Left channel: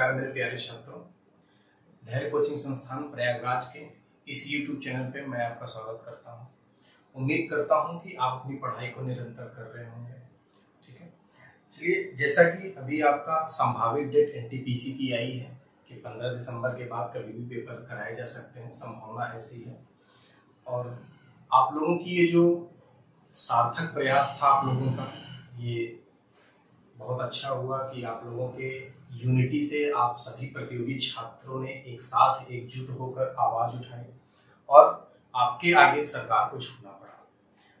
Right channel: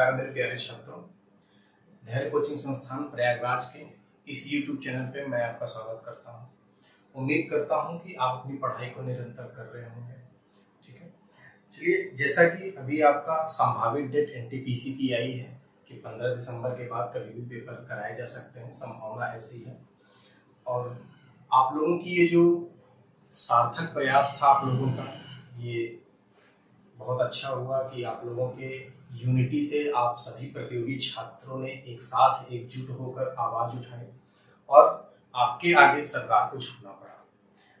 नमस्कार मेरे प्यारे छात्रों, धैर्य कोचिंग संस्थान प्रयागराज के इस YouTube चैनल पे मैं आपका स्वागत करता हूं। उम्मीद करता हूं कि आप अपनी पढ़ाई को निरंतर कर रहे होंगे। ठीक है, चलिए, जैसा कि अभी आपका संभावित डेट NTPC की आई है कि 15 दिसंबर के बाद कभी भी पेपर कराए जा सकते हैं, संभावना ऐसी है। और आप लोगों की ये जो सार्थक प्रयास था आप लोगों का, ये बहुत अच्छा हुआ कि आप लोगों के यूनिटी से आप सभी प्रतियोगी छात्रों ने एक साथ एकजुट होकर आवाज उठाई और आपके आगे सरकार को झुकना पड़ा।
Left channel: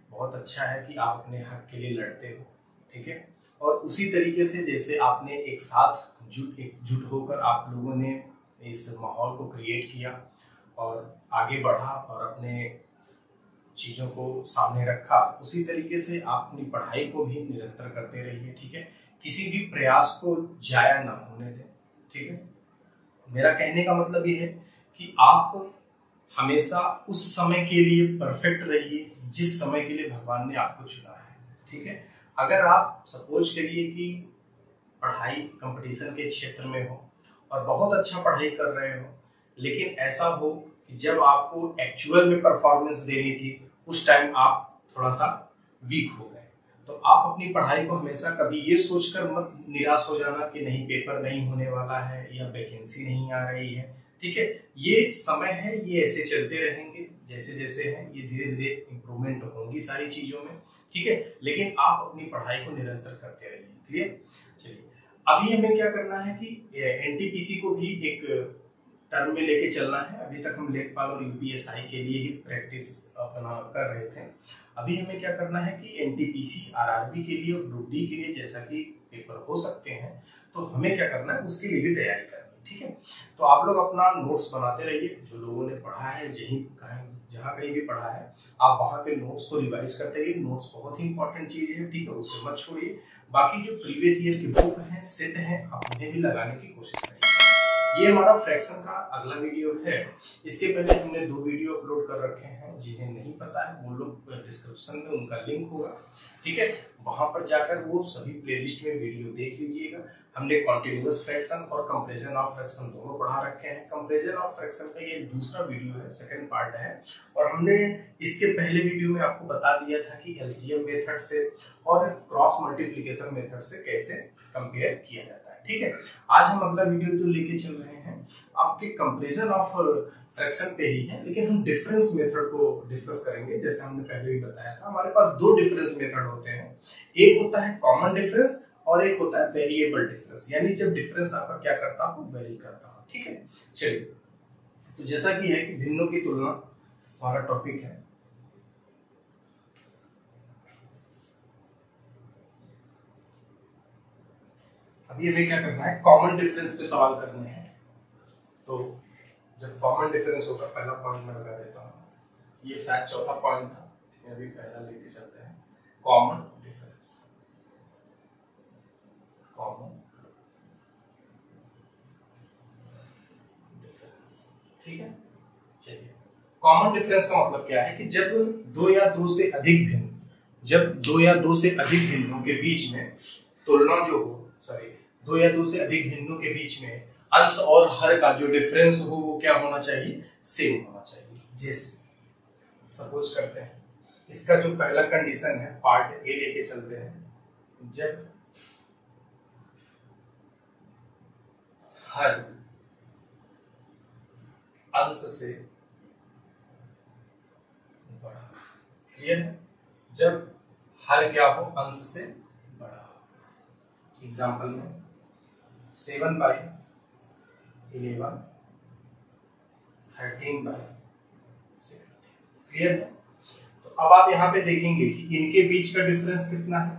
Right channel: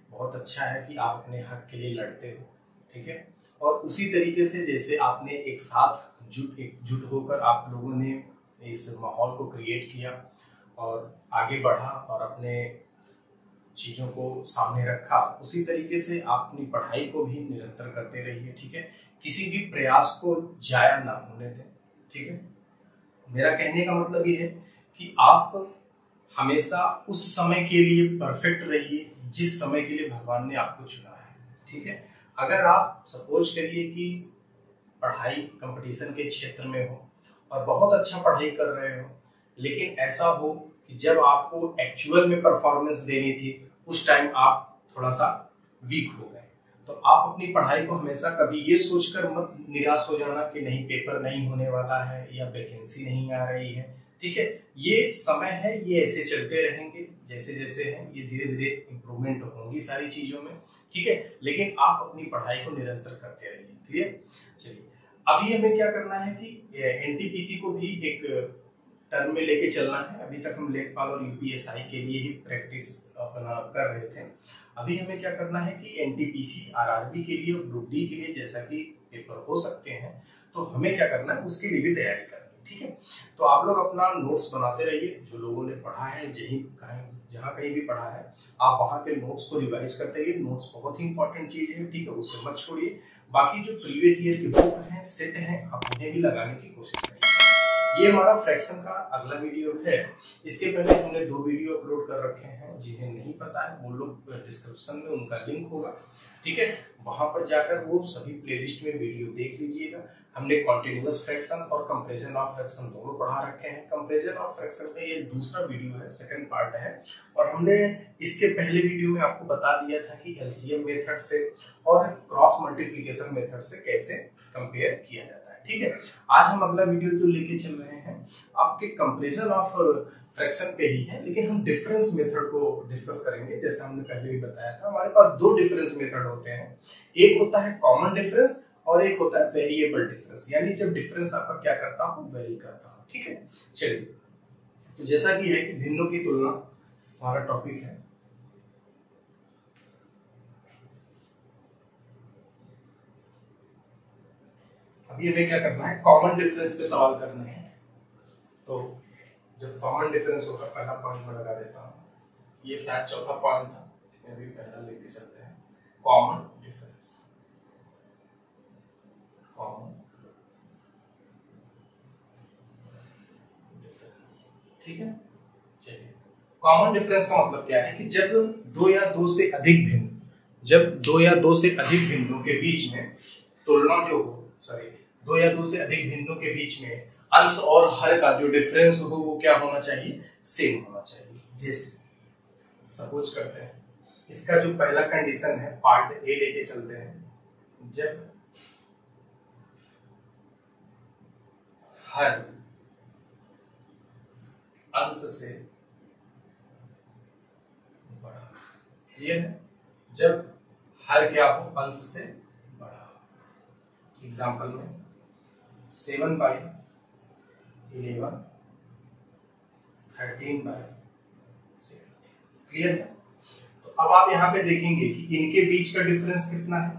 बहुत अच्छा है कि आप अपने हक के लिए लड़ते हो। ठीक है, और उसी तरीके से जैसे आपने एक साथ एकजुट होकर आप लोगों ने इस माहौल को क्रिएट किया और आगे बढ़ा और अपने चीजों को सामने रखा, उसी तरीके से आप अपनी पढ़ाई को भी निरंतर करते रहिए। ठीक है, किसी भी प्रयास को जाया ना होने दें। ठीक है, मेरा कहने का मतलब ये है कि आप हमेशा उस समय के लिए परफेक्ट रहिए जिस समय के लिए भगवान ने आपको चुना है। ठीक है, अगर आप सपोज करिए कि पढ़ाई कंपटीशन के क्षेत्र में हो और बहुत अच्छा पढ़ाई कर रहे हो, लेकिन ऐसा हो कि जब आपको एक्चुअल में परफॉर्मेंस देनी थी उस टाइम आप थोड़ा सा वीक हो गए, तो आप अपनी पढ़ाई को हमेशा कभी ये सोचकर मत निराश हो जाना कि नहीं पेपर नहीं होने वाला है या वैकेंसी नहीं आ रही है। ठीक है, ये समय है, ये ऐसे चलते रहेंगे जैसे जैसे हैं, ये धीरे धीरे इम्प्रूवमेंट होंगी सारी चीजों में। ठीक है, लेकिन आप अपनी पढ़ाई को निरंतर करते रहिए। क्लियर? चलिए, अभी हमें क्या करना है कि NTPC को भी एक टर्म में लेके चलना है। अभी तक हम लेखपाल और UPSI के लिए ही प्रैक्टिस अपना कर रहे थे। अभी हमें क्या करना है कि NTPC RRB के लिए और ग्रुप D के लिए जैसा कि पेपर हो सकते हैं, तो हमें क्या करना है उसके लिए भी तैयारी करनी है। ठीक है, तो आप लोग अपना नोट्स बनाते रहिए। जो लोगों ने पढ़ा है, जहाँ कहीं भी पढ़ा है, आप वहाँ के नोट्स को रिवाइज करते रहिए। नोट्स बहुत ही इंपॉर्टेंट चीज है। ठीक है, उसे मत छोड़िए। बाकी जो प्रीवियस ईयर की बुक हैं, सेट हैं, आप उन्हें भी लगाने की कोशिश करिए। ये हमारा फ्रैक्शन का अगला वीडियो है। इसके पहले हमने 2 वीडियो अपलोड कर रखे हैं। जिन्हें नहीं पता है वो लोग डिस्क्रिप्शन में उनका लिंक होगा। ठीक है, वहां पर जाकर वो सभी प्लेलिस्ट में वीडियो देख लीजिएगा। हमने कॉन्टिन्यूअस फ्रैक्शन और कंपैरिजन ऑफ फ्रैक्शन दोनों पढ़ा रखे हैं। कंपैरिजन ऑफ फ्रैक्शन का ये दूसरा वीडियो है, सेकंड पार्ट है। और हमने इसके पहले वीडियो में आपको बता दिया था कि LCM मेथड से और क्रॉस मल्टीप्लिकेशन मेथड से कैसे कंपेयर किया जाता है। ठीक है, आज हम अगला वीडियो जो लेके चल रहे हैं आपके कंपैरिजन ऑफ फ्रैक्शन पे ही है, लेकिन हम डिफरेंस मेथड को डिस्कस करेंगे। जैसे हमने पहले भी बताया था, हमारे पास 2 डिफरेंस मेथड होते हैं। एक होता है कॉमन डिफरेंस और एक होता है वेरिएबल डिफरेंस, यानी जब डिफरेंस आपका क्या करता हो, वेरी करता हो। ठीक है, चलिए, तो जैसा कि है कि भिन्नों की तुलना हमारा टॉपिक है। अभी हमें क्या करना है, कॉमन डिफरेंस पे सवाल करने हैं। तो जब कॉमन डिफरेंस होगा, पहला पॉइंट में लगा देता हूँ। ये शायद चौथा पॉइंट था, अभी पहला लेके चलते हैं। Common difference, common difference. ठीक है, चलिए, कॉमन डिफरेंस का मतलब क्या है कि जब 2 या 2 से अधिक भिन्नों के बीच में तुलना जो हो, 2 या 2 से अधिक भिन्नों के बीच में अंश और हर का जो डिफरेंस हो वो क्या होना चाहिए, सेम होना चाहिए। जैसे सपोज करते हैं, इसका जो पहला कंडीशन है पार्ट ए लेके चलते हैं। जब हर अंश से बड़ा, क्लियर है? जब हर क्या हो, अंश से बड़ा। एग्जाम्पल में 7/11, 13/7। क्लियर है? तो अब आप यहाँ पे देखेंगे कि इनके बीच का डिफरेंस कितना है,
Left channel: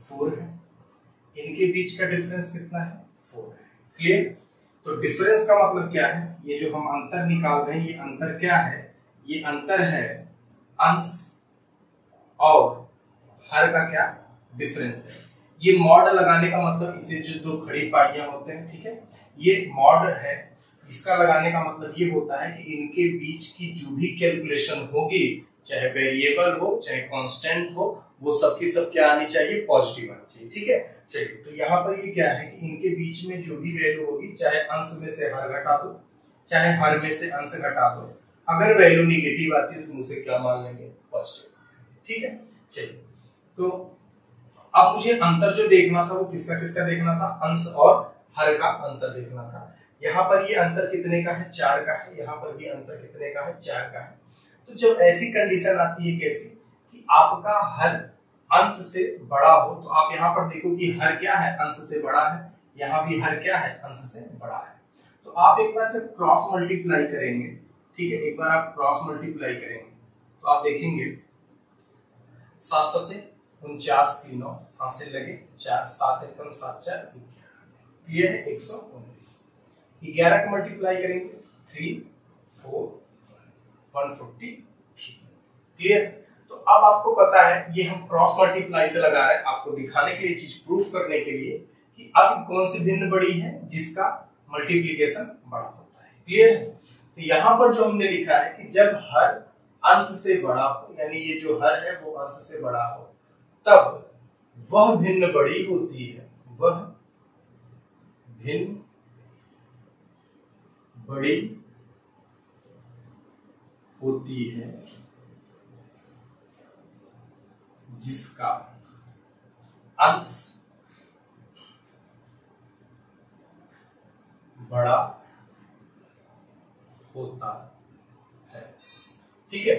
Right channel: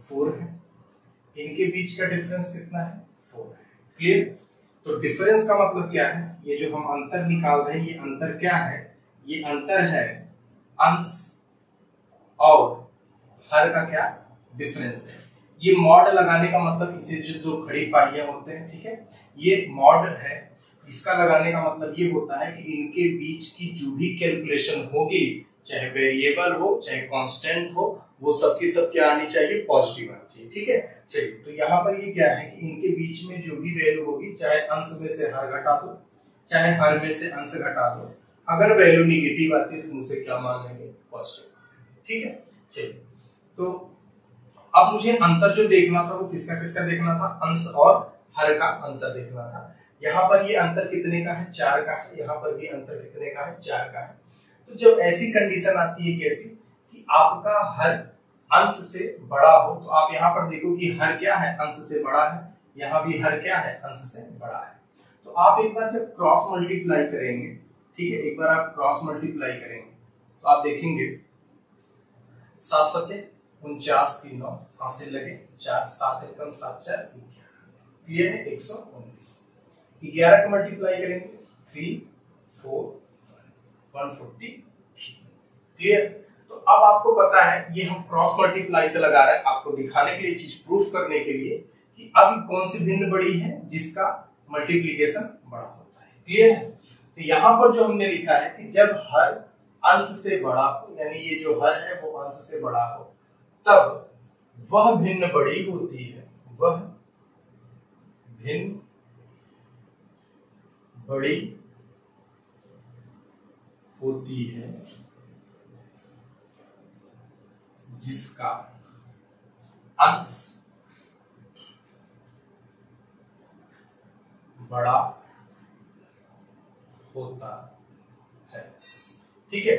4 है। इनके बीच का डिफरेंस कितना है, 4 है। क्लियर? तो डिफरेंस का मतलब क्या है, ये जो हम अंतर निकाल रहे हैं, ये अंतर क्या है, ये अंतर है अंश और हर का क्या डिफरेंस है। ये मॉड लगाने का मतलब, इसे जो 2 खड़ी पाइयां होते हैं, ठीक है, ये मॉड है। इसका लगाने का मतलब ये होता है कि इनके बीच की जो भी कैलकुलेशन होगी, चाहे वेरिएबल हो चाहे कांस्टेंट हो, वो सबकी सब क्या आनी चाहिए, पॉजिटिव आनी चाहिए। ठीक है, चलिए, तो यहाँ पर ये क्या है कि इनके बीच में जो भी वैल्यू होगी, चाहे अंश में से हर घटा दो, चाहे हर में से अंश घटा दो, अगर वैल्यू निगेटिव आती है तो मुझे क्या मान लेंगे, पॉजिटिव। ठीक है, चलिए, तो अब मुझे अंतर जो देखना था वो किसका किसका देखना था, अंश और हर का अंतर देखना था। यहाँ पर ये अंतर कितने का है, 4 का है, यहाँ पर भी अंतर कितने का है, 4 का है। तो जब ऐसी कंडीशन आती है कैसी कि आपका हर अंश से बड़ा हो, तो आप यहाँ पर देखो कि हर क्या है, अंश से बड़ा है, यहाँ भी हर क्या है, अंश से बड़ा है। तो आप एक बार जब क्रॉस मल्टीप्लाई करेंगे, ठीक है, एक बार आप क्रॉस मल्टीप्लाई करेंगे तो आप देखेंगे 7 सते 49 की 9 हाथ से लगे 4, 7 एकम 7 4 क्लियर है, 119। 11 का मल्टीप्लाई करेंगे 3 4 140 क्लियर। तो अब आपको पता है ये हम क्रॉस मल्टीप्लाई से लगा रहे हैं आपको दिखाने के लिए, चीज प्रूफ करने के लिए कि अब कौन सी भिन्न बड़ी है जिसका मल्टीप्लिकेशन बड़ा होता है। क्लियर है। तो यहाँ पर जो हमने लिखा है कि जब हर अंश से बड़ा हो, यानी ये जो हर है वो अंश से बड़ा हो, तब वह भिन्न बड़ी होती है, वह भिन्न बड़ी होती है जिसका अंश बड़ा होता है। ठीक है,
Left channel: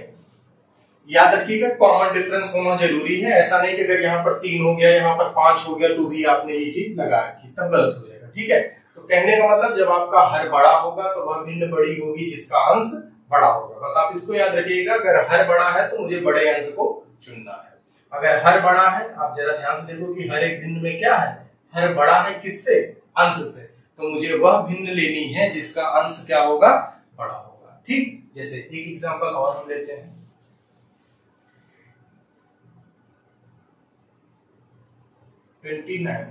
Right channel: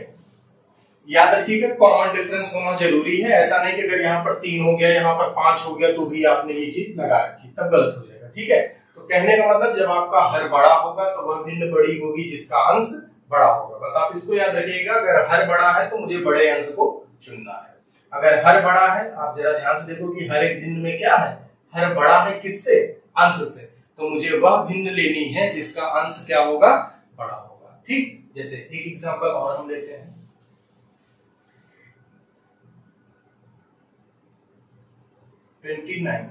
याद रखिएगा कॉमन डिफरेंस होना जरूरी है। ऐसा नहीं कि अगर यहाँ पर 3 हो गया, यहाँ पर 5 हो गया तो भी आपने ये चीज लगा रखी, तब गलत हो जाएगा। ठीक है, तो कहने का मतलब जब आपका हर बड़ा होगा तो वह भिन्न बड़ी होगी जिसका अंश बड़ा होगा। बस आप इसको याद रखिएगा, अगर हर बड़ा है तो मुझे बड़े अंश को चुनना है। अगर हर बड़ा है, आप जरा ध्यान से देखो कि हर एक भिन्न में क्या है, हर बड़ा है किससे, अंश से, तो मुझे वह भिन्न लेनी है जिसका अंश क्या होगा, बड़ा होगा। ठीक, जैसे एक एग्जांपल और हम लेते हैं, 29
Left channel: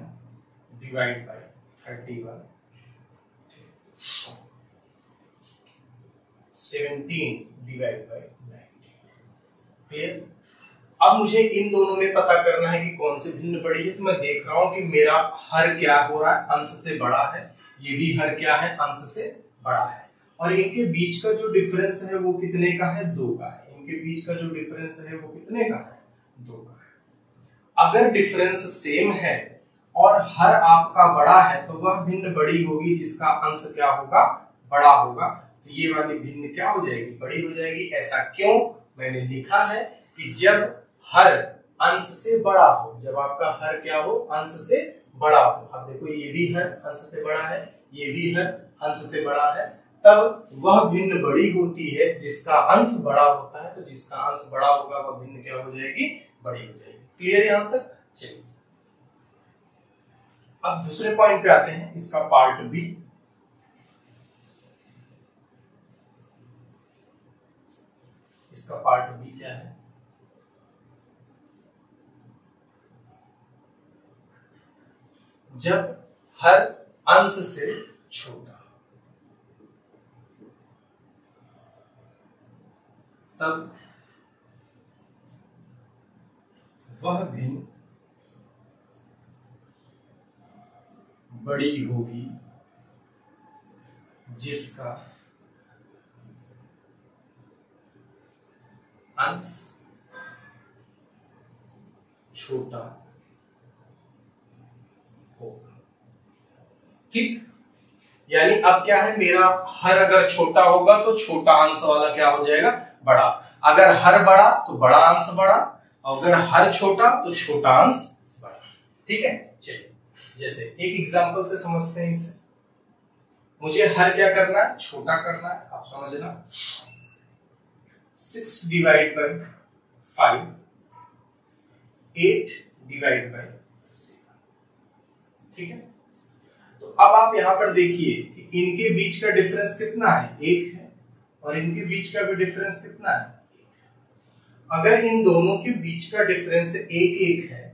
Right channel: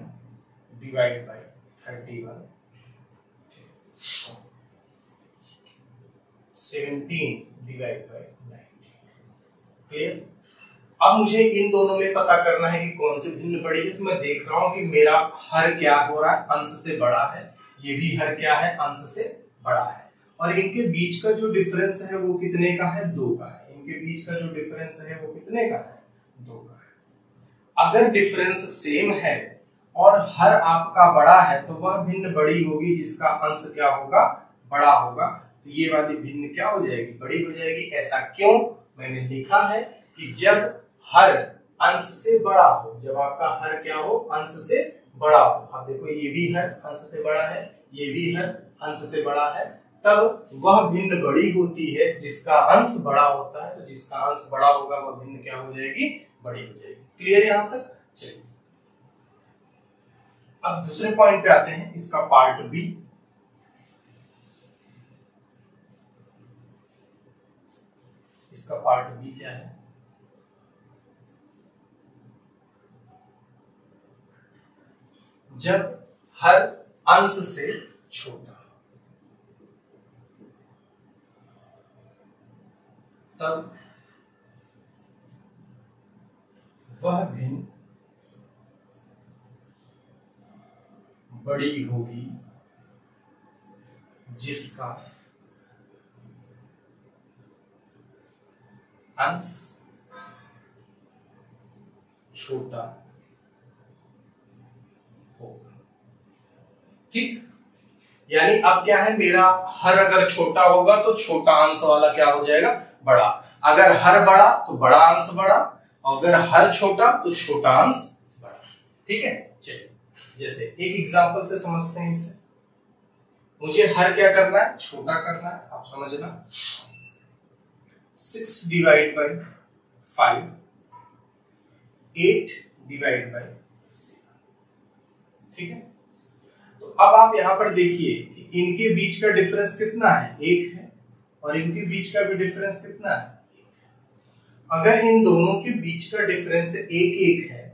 divide by 31, 17 divide by 19। Clear. अब मुझे इन दोनों में पता करना है कि कौन सी भिन्न बड़ी है। तो मैं देख रहा हूं कि मेरा हर क्या हो रहा है, अंश से बड़ा है, ये भी हर क्या है, अंश से बड़ा है, और इनके बीच का जो डिफरेंस है वो कितने का है, 2 का है। इनके बीच का जो डिफरेंस है वो कितने का है, 2 का है। अगर डिफरेंस सेम है और हर आपका बड़ा है तो वह भिन्न बड़ी होगी जिसका अंश क्या होगा, बड़ा होगा। तो ये वाली भिन्न क्या हो जाएगी, बड़ी हो जाएगी। ऐसा क्यों, मैंने लिखा है कि जब हर अंश से बड़ा हो, जब आपका हर क्या हो, अंश से बड़ा हो। आप देखो ये भी हर अंश से बड़ा है, ये भी हर अंश से बड़ा है, तब वह भिन्न बड़ी होती है जिसका अंश बड़ा होता है। तो जिसका अंश बड़ा होगा वह भिन्न क्या हो जाएगी, बड़ी हो जाएगी। क्लियर यहां तक। चलिए अब दूसरे पॉइंट पे आते हैं, इसका पार्ट बी। इसका पार्ट बी क्या है, जब हर अंश से छोटा तब वह भिन्न बड़ी होगी जिसका अंश छोटा हो। ठीक, यानी अब क्या है, मेरा हर अगर छोटा होगा तो छोटा अंश वाला क्या हो जाएगा, बड़ा। अगर हर बड़ा तो बड़ा अंश बड़ा, अगर हर छोटा तो छोटा अंश बड़ा। ठीक है, चलिए जैसे एक एग्जांपल से समझते हैं इसे। मुझे हर क्या करना है, छोटा करना है, आप समझना। 6 डिवाइड बाय 5, 8 डिवाइड बाय 7। ठीक है, तो अब आप यहां पर देखिए कि इनके बीच का डिफरेंस कितना है, 1 है, और इनके बीच का भी डिफरेंस कितना है, 1। अगर इन दोनों के बीच का डिफरेंस 1 है,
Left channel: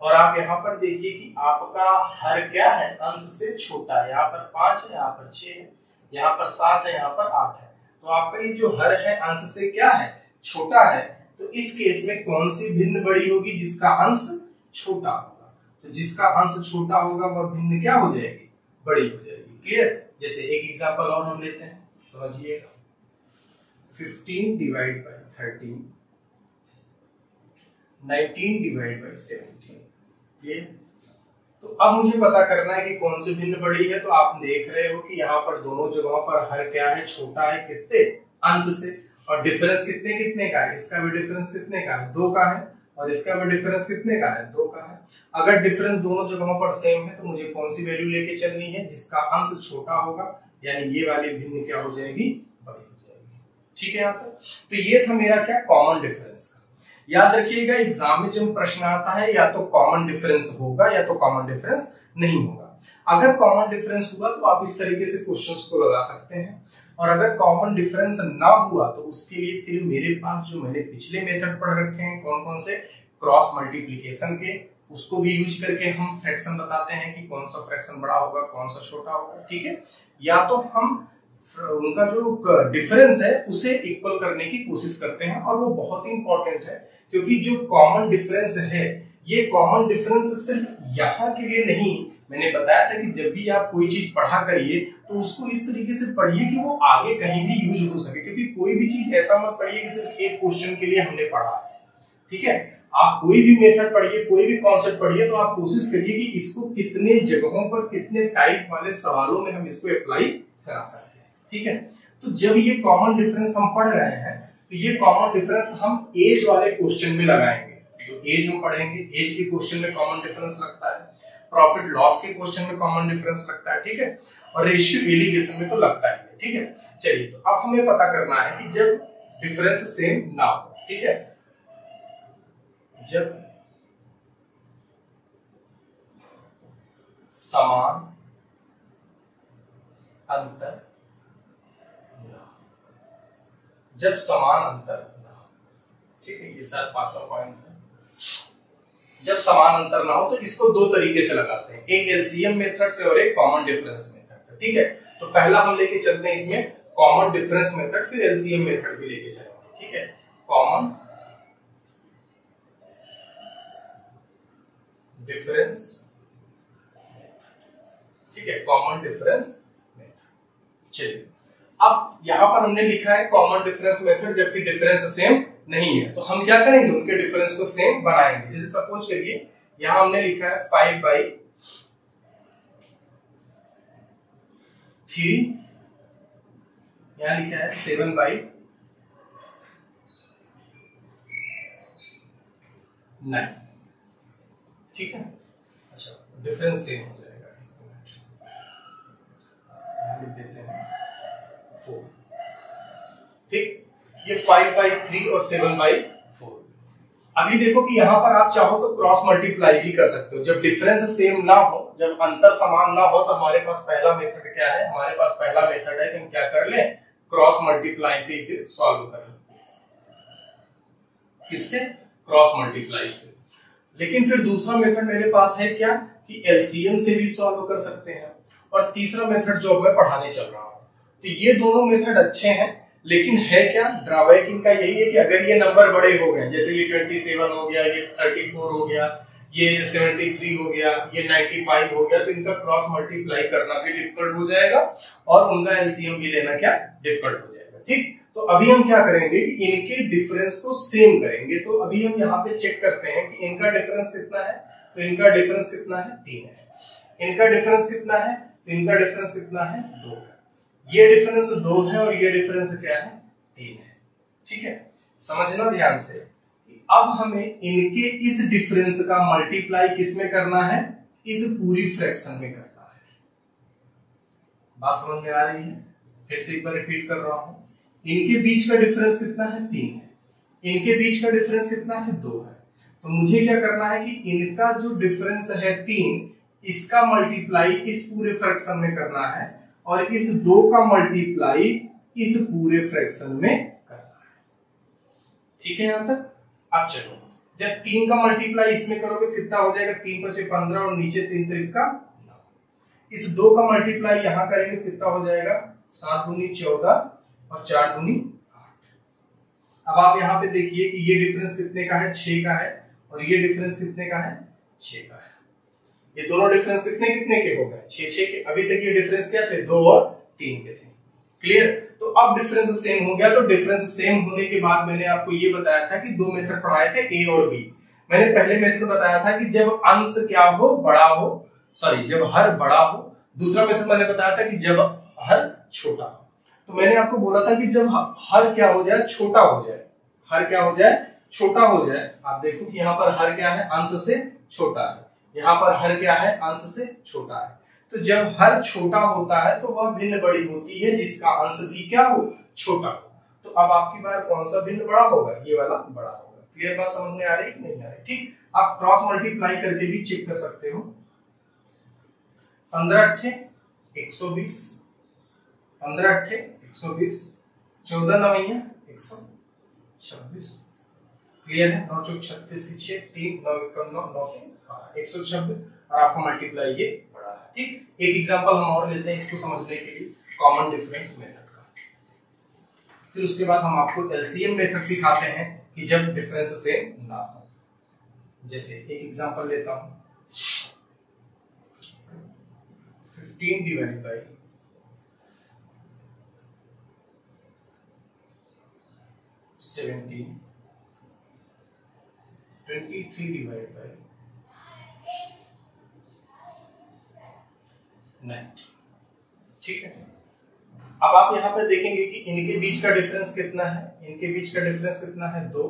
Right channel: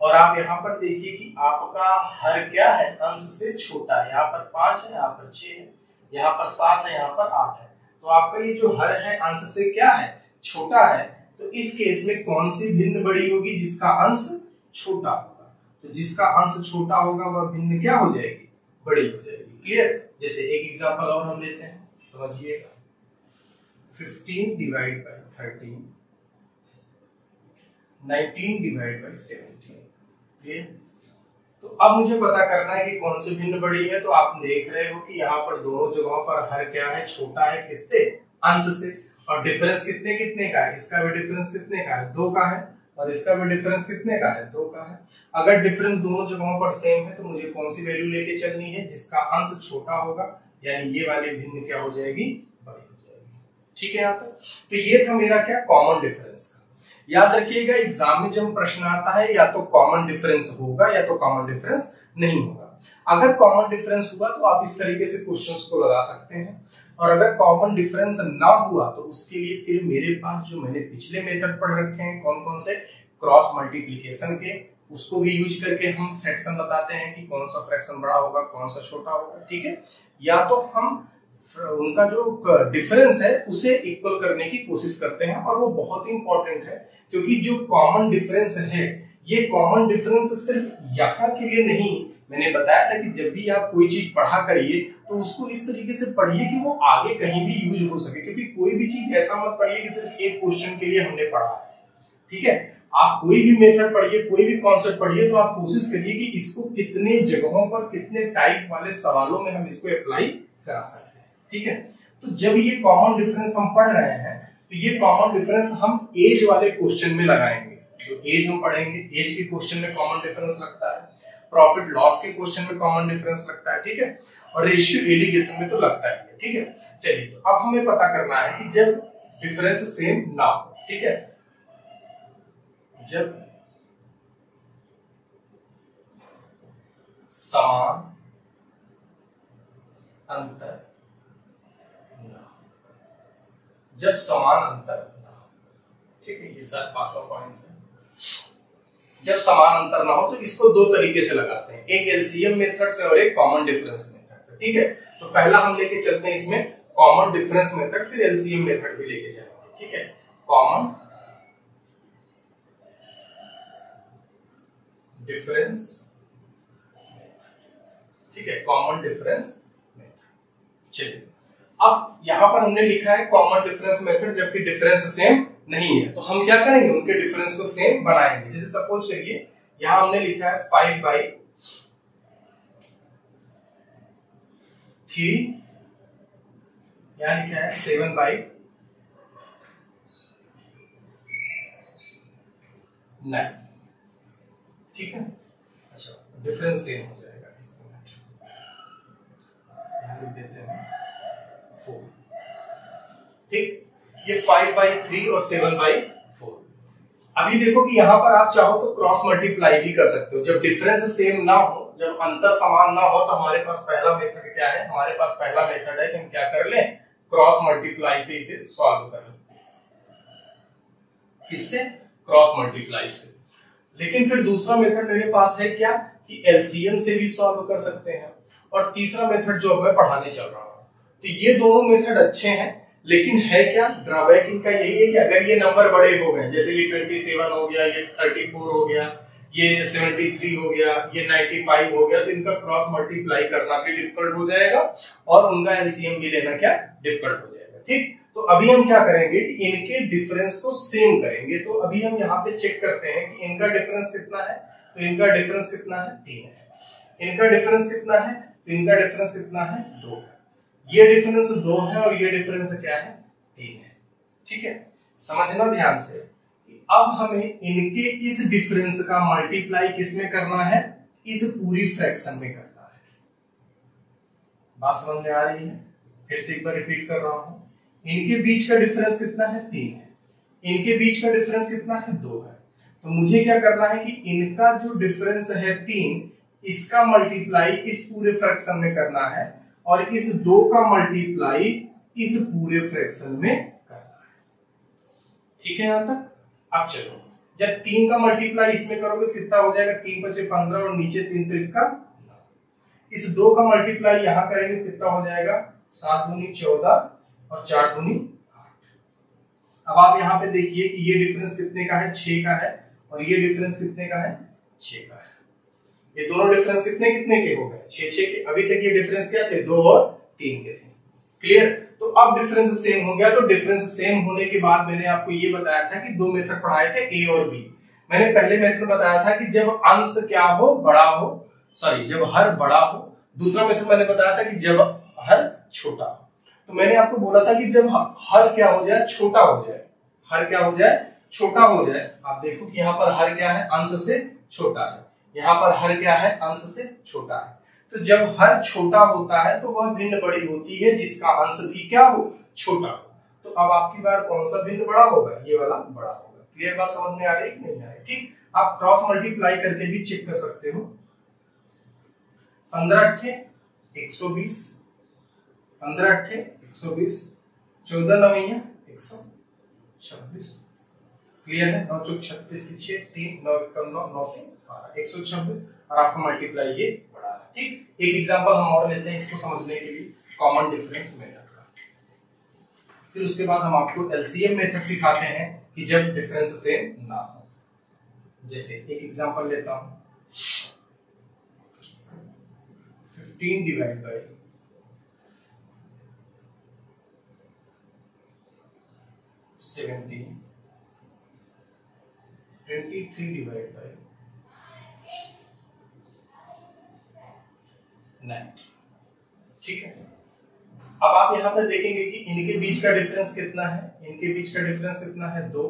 और आप यहाँ पर देखिए कि आपका हर क्या है, अंश से छोटा है। यहाँ पर 5 है, यहाँ पर 6 है, यहाँ पर 7 है, यहाँ पर 8 है। तो आपका ये जो हर है अंश से क्या है, छोटा है। तो इस केस में कौन सी भिन्न बड़ी होगी, जिसका अंश छोटा होगा। तो जिसका अंश छोटा होगा वह भिन्न क्या हो जाएगी, बड़ी हो जाएगी। क्लियर। जैसे एक एग्जांपल और हम लेते हैं, समझिएगा। 15 divide by 13, 19 divide by 17। Clear. तो अब मुझे पता करना है कि कौन सी भिन्न बड़ी है। तो आप देख रहे हो कि यहाँ पर दोनों जगहों पर हर क्या है, छोटा है। किससे, अंश से। और डिफरेंस कितने कितने का है, इसका भी डिफरेंस कितने का है, 2 का है। और इसका भी डिफरेंस कितने का है, 2 का है। अगर डिफरेंस दोनों जगहों पर सेम है तो मुझे कौन सी वैल्यू लेके चलनी है, जिसका अंश छोटा होगा, यानी ये वाली भिन्न क्या हो जाएगी, बड़ी हो जाएगी। ठीक है यहाँ तक। तो ये था मेरा क्या, कॉमन डिफरेंस का। याद रखिएगा एग्जाम में जब प्रश्न आता है या तो कॉमन डिफरेंस होगा या तो कॉमन डिफरेंस नहीं होगा। अगर कॉमन डिफरेंस हुआ तो आप इस तरीके से क्वेश्चंस को लगा सकते हैं, और अगर कॉमन डिफरेंस ना हुआ तो उसके लिए फिर मेरे पास जो मैंने पिछले मेथड पढ़ रखे हैं, कौन कौन से, क्रॉस मल्टीप्लिकेशन के, उसको भी यूज करके हम फ्रैक्शन बताते हैं कि कौन सा फ्रैक्शन बड़ा होगा, कौन सा छोटा होगा। ठीक है। या तो हम उनका जो डिफरेंस है उसे इक्वल करने की कोशिश करते हैं, और वो बहुत ही इंपॉर्टेंट है, क्योंकि जो कॉमन डिफरेंस है, ये कॉमन डिफरेंस सिर्फ यहाँ के लिए नहीं, मैंने बताया था कि जब भी आप कोई चीज पढ़ा करिए तो उसको इस तरीके से पढ़िए कि वो आगे कहीं भी यूज हो सके, क्योंकि कोई भी चीज ऐसा मत पढ़िए कि सिर्फ एक क्वेश्चन के लिए हमने पढ़ा है। ठीक है। आप कोई भी मेथड पढ़िए, कोई भी कॉन्सेप्ट पढ़िए, तो आप कोशिश करिए कि इसको कितने जगहों पर, कितने टाइप वाले सवालों में हम इसको अप्लाई करा सकते हैं। ठीक है। तो जब ये कॉमन डिफरेंस हम पढ़ रहे हैं तो ये कॉमन डिफरेंस हम एज वाले क्वेश्चन में लगाएंगे। जो एज हम पढ़ेंगे, एज के क्वेश्चन में कॉमन डिफरेंस लगता है, प्रॉफिट लॉस के क्वेश्चन में कॉमन डिफरेंस लगता है। ठीक है। और रेशियो एलिगेशन में तो लगता ही है। ठीक है। चलिए, तो अब हमें पता करना है कि जब डिफरेंस सेम ना हो, ठीक है, जब समान अंतर, जब समान अंतर ना हो, ठीक है, ये शायद 5वां पॉइंट है। जब समान अंतर ना हो तो इसको दो तरीके से लगाते हैं, एक एलसीएम मेथड से और एक कॉमन डिफरेंस मेथड से। ठीक है। तो पहला हम लेके चलते हैं इसमें कॉमन डिफरेंस मेथड, फिर एलसीएम मेथड भी लेके चलेंगे। ठीक है। कॉमन डिफरेंस, ठीक है, कॉमन डिफरेंस मेथड। चलिए, अब यहां पर हमने लिखा है कॉमन डिफरेंस मेथड, जबकि डिफरेंस सेम नहीं है, तो हम क्या करेंगे, उनके डिफरेंस को सेम बनाएंगे। जैसे सपोज करिए यहां हमने लिखा है 5/3, यहां लिखा है 7/9। ठीक है। अच्छा, डिफरेंस सेम हो जाएगा, यहां लिख देते हैं 4। ठीक, ये 5/3 और 7/4। अभी देखो कि यहां पर आप चाहो तो क्रॉस मल्टीप्लाई भी कर सकते हो। जब डिफरेंस सेम ना हो, जब अंतर समान ना हो, तो हमारे पास पहला मेथड क्या है, हमारे पास पहला मेथड है कि हम क्या कर लें, क्रॉस मल्टीप्लाई से इसे सॉल्व कर लें। किससे, क्रॉस मल्टीप्लाई से। लेकिन फिर दूसरा मेथड मेरे पास है क्या, कि एलसीएम से भी सॉल्व कर सकते हैं। और तीसरा मेथड जो मैं पढ़ाने चल रहा हूं, तो ये दोनों मेथड अच्छे हैं, लेकिन है क्या, ड्रॉबैक इनका यही है कि अगर ये नंबर बड़े हो गए, जैसे ये 27 हो गया, ये 34 हो गया, ये 73 हो गया, ये 95 हो गया, तो इनका क्रॉस मल्टीप्लाई करना भी डिफिकल्ट हो जाएगा और उनका एलसीएम भी लेना क्या, डिफिकल्ट हो जाएगा। ठीक, तो अभी हम क्या करेंगे कि इनके डिफरेंस को सेम करेंगे। तो अभी हम यहाँ पे चेक करते हैं कि इनका डिफरेंस कितना है, तो इनका डिफरेंस कितना है, 3 है। इनका डिफरेंस कितना है, तो इनका डिफरेंस कितना है, 2 है। ये डिफरेंस 2 है और ये डिफरेंस क्या है, 3 है। ठीक है, समझना ध्यान से कि अब हमें इनके इस डिफरेंस का मल्टीप्लाई किसमें करना है, इस पूरी फ्रैक्शन में करना है। बात समझ में आ रही है, फिर से एक बार रिपीट कर रहा हूं। इनके बीच का डिफरेंस कितना है, 3 है। इनके बीच का डिफरेंस कितना है, 2 है। तो मुझे क्या करना है कि इनका जो डिफरेंस है 3, इसका मल्टीप्लाई इस पूरे फ्रैक्शन में करना है और इस 2 का मल्टीप्लाई इस पूरे फ्रैक्शन में करना है। ठीक है यहां तक। अब चलो, जब 3 का मल्टीप्लाई इसमें करोगे कितना हो जाएगा, 3 × 5 = 15 और नीचे 3 × 3 = 9। इस 2 का मल्टीप्लाई यहां करेंगे कितना हो जाएगा, 7 × 2 = 14 और 4 × 2 = 8। अब आप यहां पे देखिए कि ये डिफरेंस कितने का है, 6 का है, और ये डिफरेंस कितने का है, 6 का है। ये दोनों डिफरेंस कितने कितने के हो गए, 6 के। अभी तक ये डिफरेंस क्या थे, 2 और 3 के थे। क्लियर। तो अब डिफरेंस सेम हो गया। तो डिफरेंस सेम होने के बाद मैंने आपको ये बताया था कि 2 मेथड पढ़ाए थे, ए और बी। मैंने पहले मेथड बताया था कि जब अंश क्या हो, बड़ा हो, सॉरी जब हर बड़ा हो। दूसरा मेथड मैंने बताया था कि जब हर छोटा हो। तो मैंने आपको बोला था कि जब हर क्या हो जाए, छोटा हो जाए, हर क्या हो जाए, छोटा हो जाए। आप देखो कि यहाँ पर हर क्या है, अंश से छोटा है, यहाँ पर हर क्या है, अंश से छोटा है। तो जब हर छोटा होता है तो वह भिन्न बड़ी होती है जिसका अंश भी क्या हो, छोटा हो। तो अब आपकी बार कौन सा भिन्न बड़ा होगा, ये वाला बड़ा होगा। क्लियर बात समझ में आ रही है कि नहीं आ रही? ठीक। आप क्रॉस मल्टीप्लाई करके भी चेक कर सकते हो। 15 अट्ठे 120, 15 अट्ठे 120, 14 नवैया 126। क्लियर है। 9 चौक 36 की 6, 3 9 1 9 9 126 और आपको मल्टीप्लाई ये बड़ा है। ठीक। एक एग्जांपल हम और लेते हैं इसको समझने के लिए, कॉमन डिफरेंस मेथड का। फिर उसके बाद हम आपको एलसीएम मेथड सिखाते हैं कि जब डिफरेंस सेम ना हो। जैसे एक एग्जांपल लेता हूं, 15 डिवाइड बाई 17, 23 डिवाइड बाई 90। ठीक है। अब आप यहां पर देखेंगे कि इनके बीच का डिफरेंस कितना है, इनके बीच का डिफरेंस कितना है 2,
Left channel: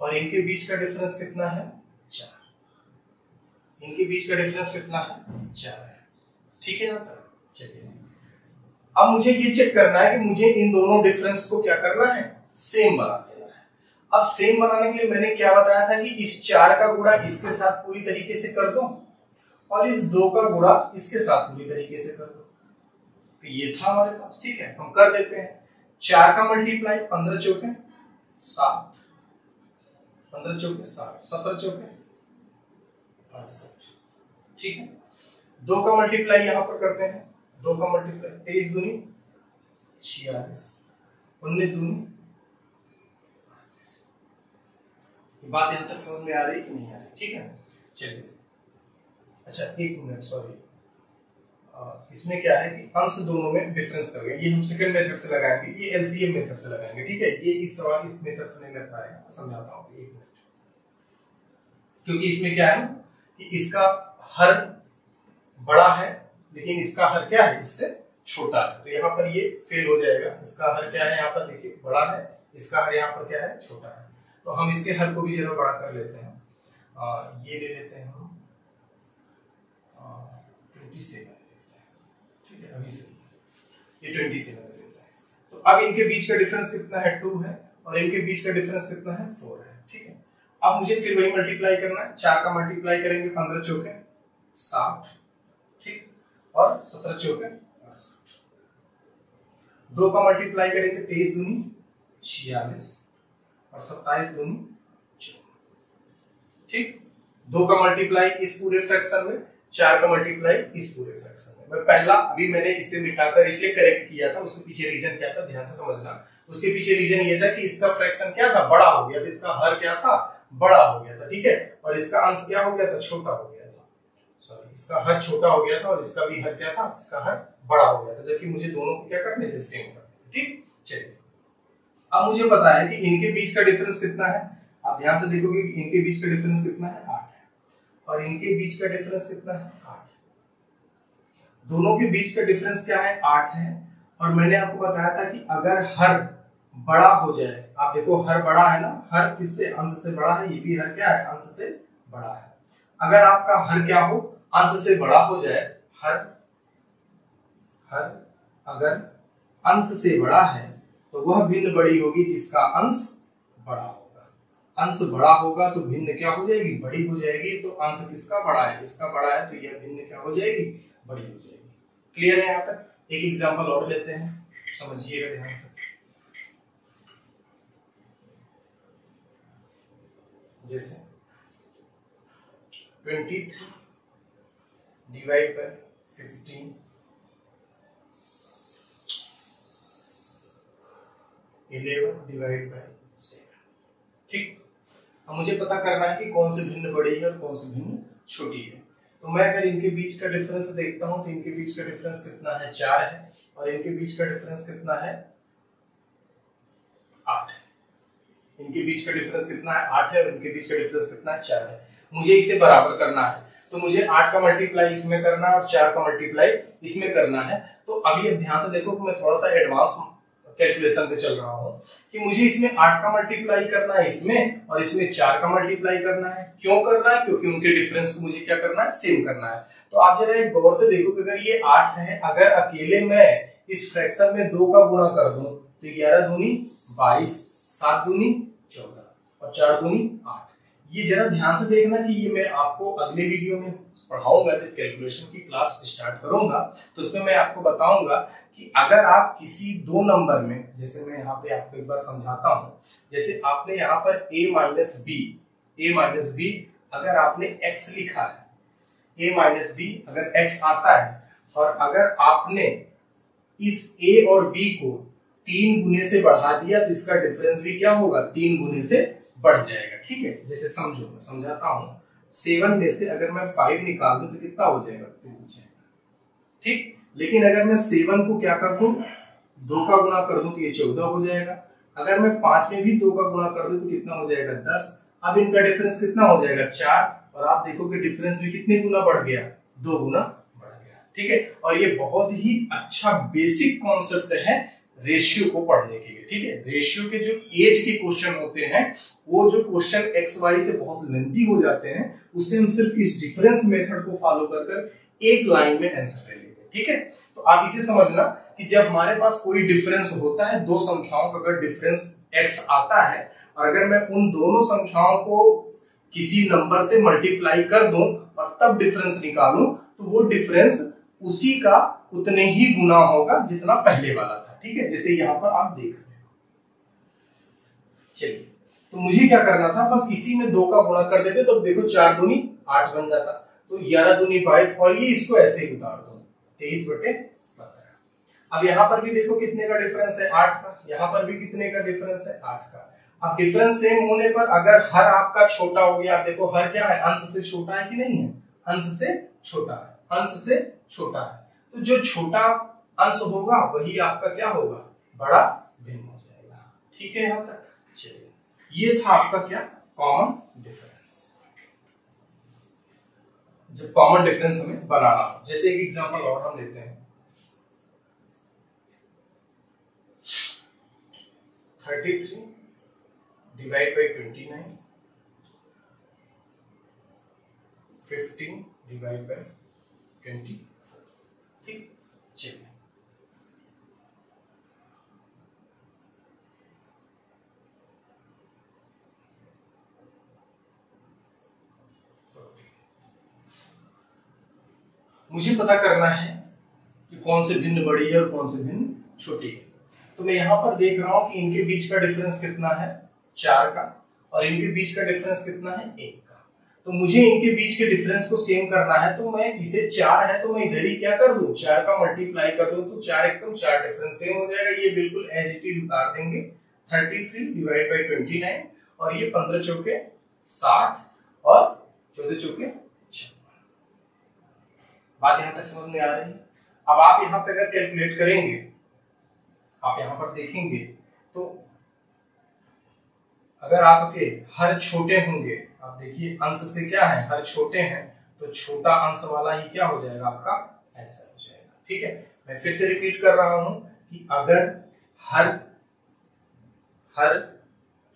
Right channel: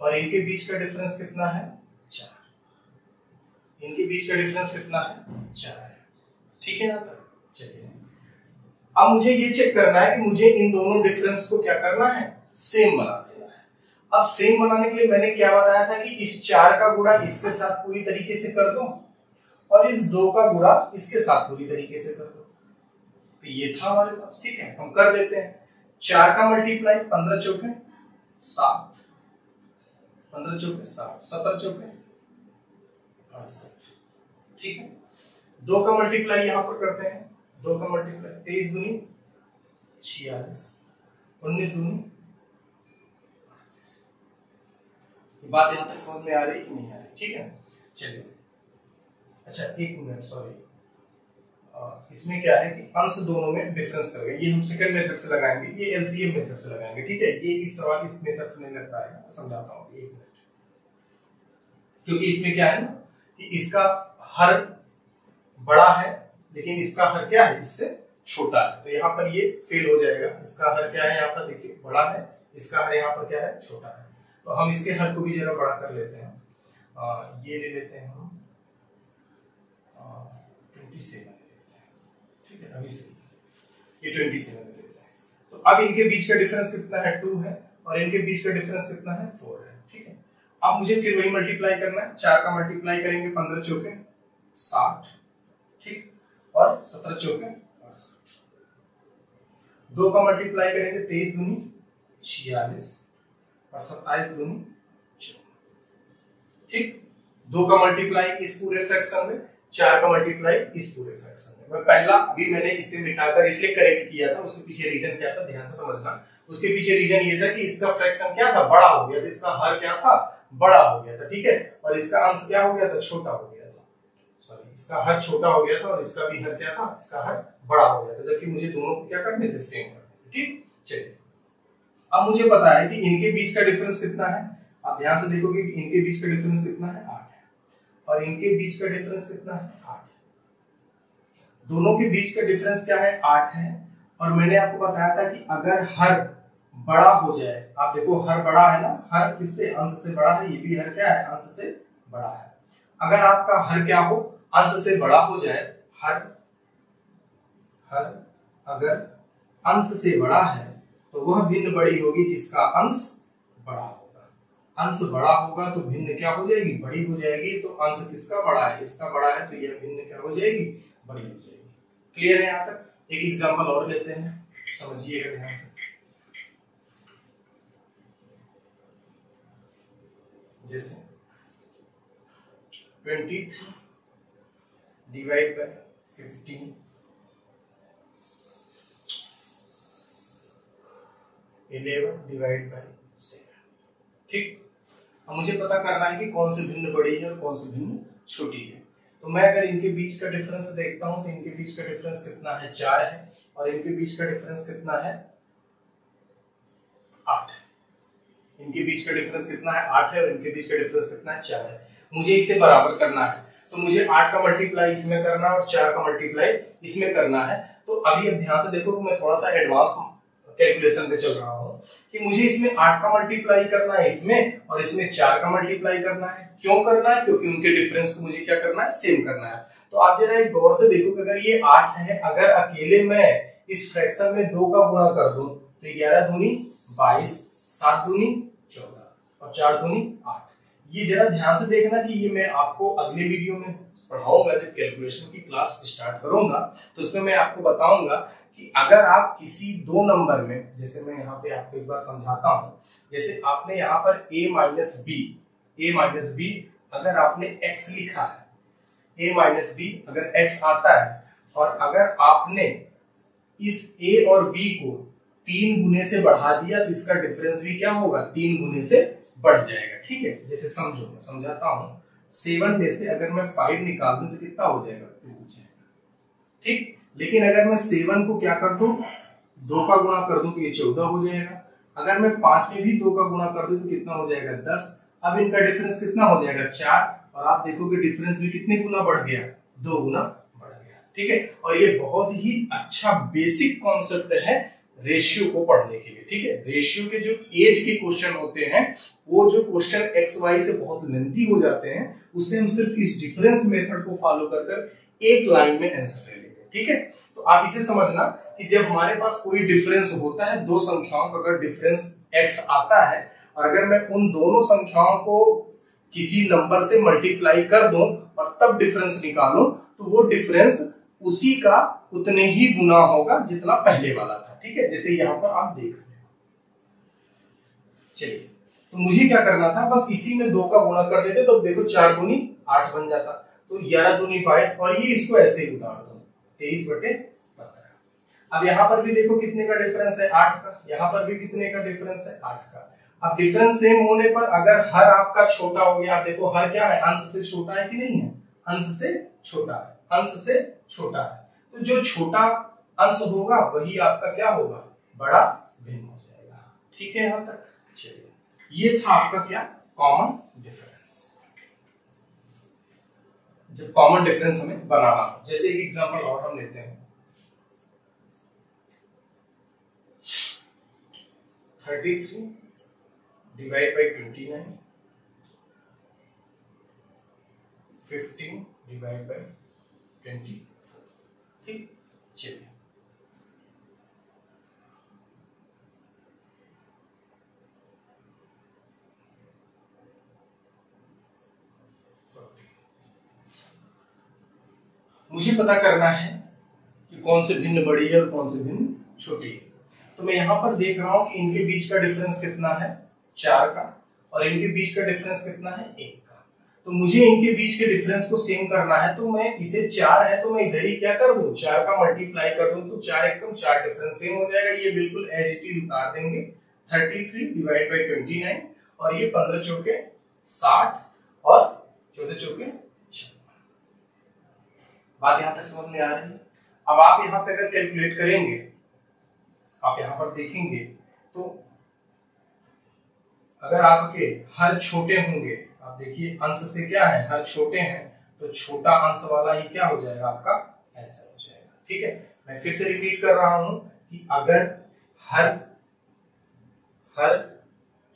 और इनके बीच का डिफरेंस कितना है 4। इनके बीच का डिफरेंस कितना है 4 है। ठीक है। यहां तक चलिए, अब मुझे ये चेक करना है कि मुझे इन दोनों डिफरेंस को क्या करना है, सेम बना देना है। अब सेम बनाने के लिए मैंने क्या बताया था कि इस 4 का गुणा इसके साथ पूरी तरीके से कर दो और इस 2 का गुणा इसके साथ पूरी तरीके से कर दो। तो ये था हमारे पास। ठीक है, हम कर देते हैं। 4 का मल्टीप्लाई 15 चौके 7, 15 चौके 7, 17 चौके 68। ठीक है। 2 का मल्टीप्लाई यहां पर करते हैं, 2 का मल्टीप्लाई 23 दूनी 46, 19 दूनी। बात यहां तक समझ में आ रही कि नहीं आ रही? ठीक है। चलिए, अच्छा एक मिनट, सॉरी, इसमें क्या है कि अंश दोनों में डिफरेंस कर गए। ये हम सेकंड मेथड से लगाएंगे, ये एलसीएम मेथड से लगाएंगे। ठीक है। ये इस सवाल इस मेथड से नहीं लग पाएगा, समझाता हूँ एक मिनट। क्योंकि इसमें क्या है ना कि इसका हर बड़ा है लेकिन इसका हर क्या है, इससे छोटा है। तो यहाँ पर ये फेल हो जाएगा। इसका हर क्या है, यहाँ पर देखिए बड़ा है, इसका हर यहाँ पर क्या है, छोटा है। तो हम इसके हर को भी जरा बड़ा कर लेते हैं। ये ले लेते हैं हम 27। ठीक है, अभी से ये 27 ले लेते हैं। तो अब इनके बीच का डिफरेंस कितना है, 2 है, और इनके बीच का डिफरेंस कितना है, 4 है। ठीक है। अब मुझे फिर वही मल्टीप्लाई करना है। 4 का मल्टीप्लाई करेंगे 15 चौके 60, ठीक, और 17 चौके 68। 2 का मल्टीप्लाई करेंगे 23 दूनी 46 और 27 दूनी 14। ठीक। 2 का मल्टीप्लाई इस पूरे फ्रैक्शन में, 4 का मल्टीप्लाई इस पूरे फ्रैक्शन में। मैं पहला अभी मैंने इसे मिटाकर इसलिए करेक्ट किया था, उसके पीछे रीजन क्या था ध्यान से समझना। उसके पीछे रीजन ये था कि इसका फ्रैक्शन क्या था, बड़ा हो गया था, इसका हर क्या था, बड़ा हो गया था। ठीक है। और इसका अंश क्या हो गया था, छोटा हो गया था। सॉरी, इसका हर छोटा हो गया था और इसका भी हर क्या था, इसका हर बड़ा हो गया था, जबकि मुझे दोनों को क्या करने थे, सेम करने थे। ठीक। चलिए, अब मुझे पता है कि इनके बीच का डिफरेंस कितना है। आप ध्यान से देखोगे कि इनके बीच का डिफरेंस कितना है, 8 है, और इनके बीच का डिफरेंस कितना है, 8 है। दोनों के बीच का डिफरेंस क्या है, 8 है। और मैंने आपको बताया था कि अगर हर बड़ा हो जाए, आप देखो हर बड़ा है ना, हर किससे, अंश से बड़ा है, ये भी हर क्या है, अंश से बड़ा है। अगर आपका हर क्या हो, अंश से बड़ा हो जाए, हर अगर अंश से बड़ा है तो वह भिन्न बड़ी होगी जिसका अंश बड़ा होगा। अंश बड़ा होगा तो भिन्न क्या हो जाएगी, बड़ी हो जाएगी। तो अंश किसका बड़ा है, इसका बड़ा है, तो यह भिन्न क्या हो जाएगी, बड़ी हो जाएगी। क्लियर है यहाँ तक? एक एग्जांपल और लेते हैं, समझिएगा ध्यान से। जैसे 23 डिवाइड बाय 15 11 डिवाइड बाय 7। ठीक। अब मुझे पता करना है कि कौन सी भिन्न बड़ी है और कौन सी भिन्न छोटी है। तो मैं अगर इनके बीच का डिफरेंस देखता हूं तो इनके बीच का डिफरेंस कितना है, 4 है, और इनके बीच का डिफरेंस कितना है, 8। इनके बीच का डिफरेंस कितना है, 8 है, और इनके बीच का डिफरेंस कितना है, 4 है। मुझे इसे बराबर करना है, तो मुझे 8 का मल्टीप्लाई इसमें करना है और 4 का मल्टीप्लाई इसमें करना है। तो अभी अब ध्यान से देखो कि मैं थोड़ा सा एडवांस कैलकुलेशन पे चल रहा हूं कि मुझे इसमें 8 का मल्टीप्लाई करना है इसमें, और इसमें 4 का मल्टीप्लाई करना है। क्यों करना है? क्योंकि उनके डिफरेंस को मुझे क्या करना है, सेम करना है। तो आप जरा एक गौर से देखो कि अगर ये 8 है, अगर अकेले मैं इस फ्रैक्शन में 2 का गुणा कर दूं तो 11 दूनी 22, 7 दूनी 14 और 4 दूनी 8। ये जरा ध्यान से देखना कि ये मैं आपको अगले वीडियो में पढ़ाऊंगा, जब कैलकुलेशन की क्लास स्टार्ट करूंगा तो उसमें मैं आपको बताऊंगा कि अगर आप किसी दो नंबर में, जैसे मैं यहाँ पे आपको एक बार समझाता हूं, जैसे आपने यहाँ पर a माइनस बी अगर आपने x लिखा है, a माइनस बी अगर x आता है, और अगर आपने इस a और b को 3 गुने से बढ़ा दिया तो इसका डिफरेंस भी क्या होगा, 3 गुने से बढ़ जाएगा। ठीक है, जैसे समझो, मैं समझाता हूं। 7 में से अगर मैं 5 निकाल दूं तो कितना हो जाएगा, 2 हो जाएगा। ठीक, लेकिन अगर मैं 7 को क्या कर दूं, 2 का गुणा कर दूं तो ये 14 हो जाएगा। अगर मैं 5 में भी 2 का गुणा कर दूं तो कितना हो जाएगा, 10। अब इनका डिफरेंस कितना हो जाएगा, 4, और आप देखोगे डिफरेंस भी कितने गुना बढ़ गया, 2 गुना बढ़ गया। ठीक है, और ये बहुत ही अच्छा बेसिक कॉन्सेप्ट है रेशियो को पढ़ने के लिए। ठीक है, रेशियो के जो एज के क्वेश्चन होते हैं, वो जो क्वेश्चन एक्स वाई से बहुत लेंथी हो जाते हैं, उससे हम सिर्फ इस डिफरेंस मेथड को फॉलो कर एक लाइन में आंसर ले लेंगे। ठीक है, तो आप इसे समझना कि जब हमारे पास कोई डिफरेंस होता है, दो संख्याओं का अगर डिफरेंस x आता है, और अगर मैं उन दोनों संख्याओं को किसी नंबर से मल्टीप्लाई कर दूं और तब डिफरेंस निकालूं, तो वो डिफरेंस उसी का उतने ही गुना होगा जितना पहले वाला था। ठीक है, जैसे यहाँ पर आप देख रहे हो। चलिए, तो मुझे क्या करना था, बस इसी में 2 का गुणा कर देते तो देखो 4 दूनी 8 बन जाता, तो 11 दूनी 22, और ये इसको ऐसे ही उतार दो, 23/12। अब यहाँ पर भी देखो कितने का डिफरेंस है, 8 का। यहाँ पर भी कितने का डिफरेंस है, 8 का। अब डिफरेंस सेम होने पर अगर हर आपका छोटा हो गया, आप देखो हर क्या है, अंश से छोटा है कि नहीं है, अंश से छोटा है, अंश से छोटा है। तो जो छोटा अंश होगा वही आपका क्या होगा, बड़ा भिन्न हो जाएगा। ठीक है, यहां तक। चलिए, ये था आपका क्या, कॉमन डिफरेंस। जब कॉमन डिफरेंस हमें बनाना हो, जैसे एक एग्जांपल और हम लेते हैं, 33 डिवाइड बाई 29, 15 डिवाइड बाई 20। ठीक, चलिए, मुझे पता करना है कि कौन से भिन्न बड़ी है और कौन से भिन्न छोटी है। तो मैं यहां पर देख रहा हूं कि इनके बीच का डिफरेंस कितना है, 4 का, और इनके बीच का डिफरेंस कितना है, 1 का। तो मुझे इनके बीच के डिफरेंस को सेम करना है, तो मैं इसे 4 है तो मैं इधर ही क्या कर दूं, 4 का मल्टीप्लाई कर दूं, तो 4 एकम 4 डिफरेंस सेम हो जाएगा। ये बिल्कुल एज इट इज उतार देंगे, 33 डिवाइड बाई 29, और ये 15 चौके 60 और 14 चौके 56। बात यहां तक समझ में आ रही है। अब आप यहां पे अगर कैलकुलेट करेंगे, आप यहां पर देखेंगे तो अगर आपके हर छोटे होंगे, आप देखिए अंश से क्या है, हर छोटे हैं, तो छोटा अंश वाला ही क्या हो जाएगा, आपका आंसर हो जाएगा। ठीक है, मैं फिर से रिपीट कर रहा हूं कि अगर हर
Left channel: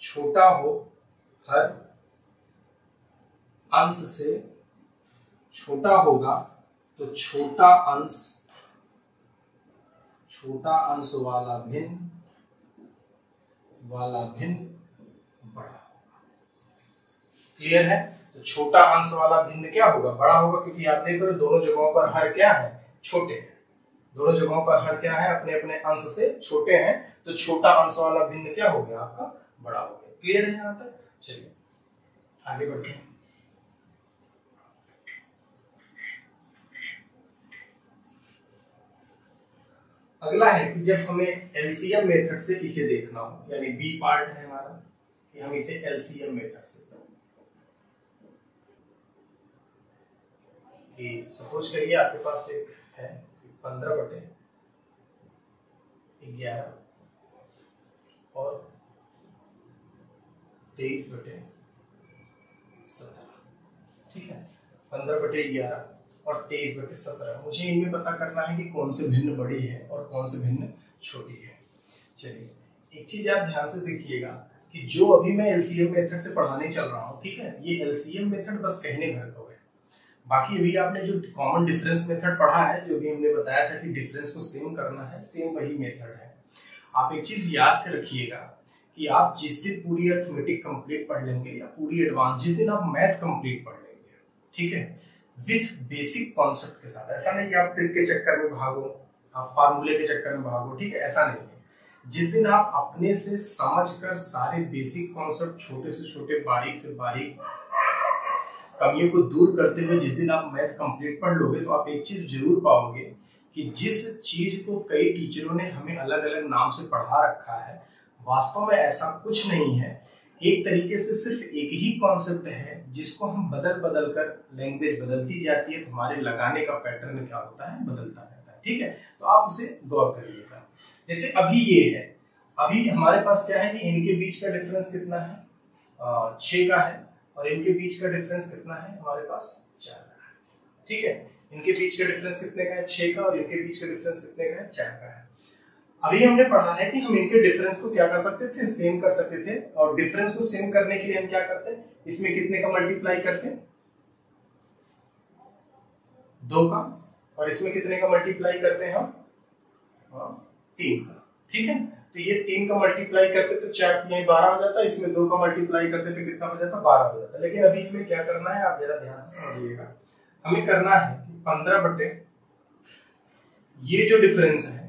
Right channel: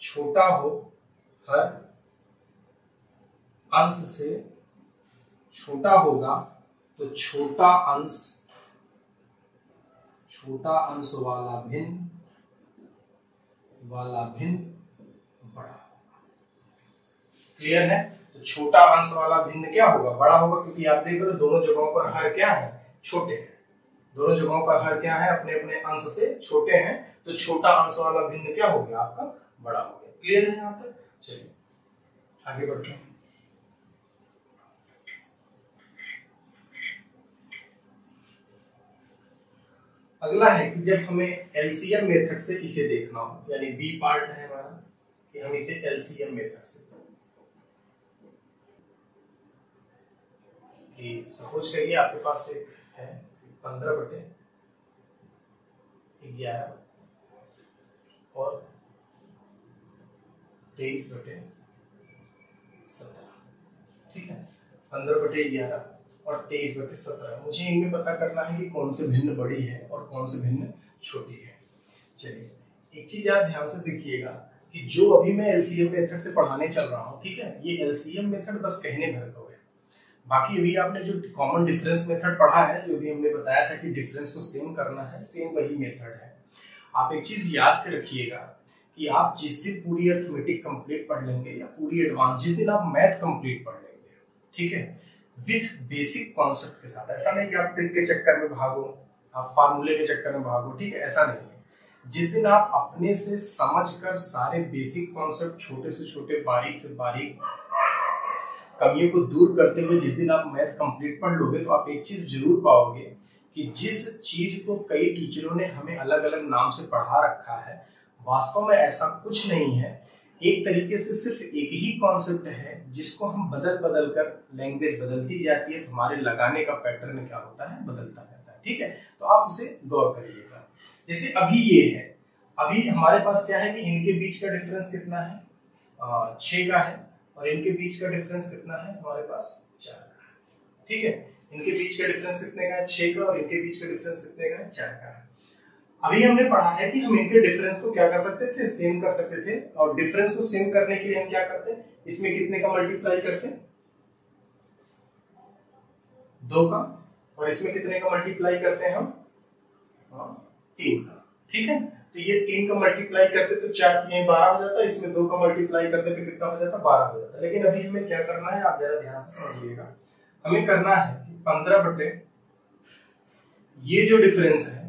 छोटा हो, हर अंश से छोटा होगा, तो छोटा अंश वाला भिन्न बड़ा होगा। क्लियर है? तो छोटा अंश वाला भिन्न क्या होगा, बड़ा होगा, क्योंकि आप देख रहे हो दोनों जगहों पर हर क्या है, छोटे हैं। दोनों जगहों पर हर क्या है, अपने अपने अंश से छोटे हैं, तो छोटा अंश वाला भिन्न क्या हो गया, आपका बड़ा हो गया। क्लियर है यहां तक? चलिए आगे बढ़ते हैं। अगला है कि जब हमें एलसीएम मेथड से इसे देखना हो, यानी बी पार्ट है हमारा कि हम इसे एलसीएम मेथड से, कि सपोज करिए आपके पास एक है 15/11 और 23/17, ठीक है। 15/11 और 23/17, मुझे इनमें पता करना है कि कौन से भिन्न बड़ी है और कौन से भिन्न छोटी है। चलिए एक चीज आप ध्यान से देखिएगा कि जो अभी मैं एलसीएम मेथड से पढ़ाने चल रहा हूँ, ठीक है, ये एलसीएम मेथड बस कहने भर का है। बाकी अभी आपने जो कॉमन डिफरेंस मेथड पढ़ा है, जो भी हमने बताया था कि डिफरेंस को सेम करना है, सेम वही मेथड है। आप एक चीज याद कर रखिएगा कि आप जिस दिन पूरी अर्थमेटिक कंप्लीट पढ़ लेंगे या पूरी एडवांस, जिस दिन आप मैथ कंप्लीट पढ़ लेंगे, ठीक है, विथ बेसिक कॉन्सेप्ट के साथ, ऐसा नहीं कि आप ट्रिक के चक्कर में भागो, आप फार्मूले के चक्कर में भागो, ठीक है, ऐसा नहीं है। जिस दिन आप अपने से समझकर सारे बेसिक कॉन्सेप्ट, छोटे से छोटे, बारीक से बारीक कमियों को दूर करते हुए जिस दिन आप मैथ कंप्लीट पढ़ लोगे, तो आप एक चीज जरूर पाओगे कि जिस चीज को कई टीचरों ने हमें अलग अलग नाम से पढ़ा रखा है, वास्तव में ऐसा कुछ नहीं है। एक तरीके से सिर्फ एक ही कॉन्सेप्ट है जिसको हम बदल बदल कर, लैंग्वेज बदलती जाती है तो हमारे लगाने का पैटर्न क्या होता है, बदलता रहता है, ठीक है। तो आप उसे गौर करिएगा। जैसे अभी ये है, अभी हमारे पास क्या है कि इनके बीच का डिफरेंस कितना है, 6 का है, और इनके बीच का डिफरेंस कितना है हमारे पास, 4 का है, ठीक है। इनके बीच का डिफरेंस कितने का है, 6 का, और इनके बीच का डिफरेंस कितने का है, 4 का है। अभी हमने पढ़ा है कि हम इनके डिफरेंस को क्या कर सकते थे, सेम कर सकते थे। और डिफरेंस को सेम करने के लिए हम क्या करते हैं, इसमें कितने का मल्टीप्लाई करते हैं, 2 का, और इसमें कितने का मल्टीप्लाई करते हैं हम, 3 का, ठीक है। तो ये 3 का मल्टीप्लाई करते तो 4 3 12 हो जाता, इसमें 2 का मल्टीप्लाई करते तो कितना हो जाता, 12 हो जाता। लेकिन अभी हमें क्या करना है, आप जरा ध्यान से समझिएगा। हमें करना है 15 बटे ये जो डिफरेंस है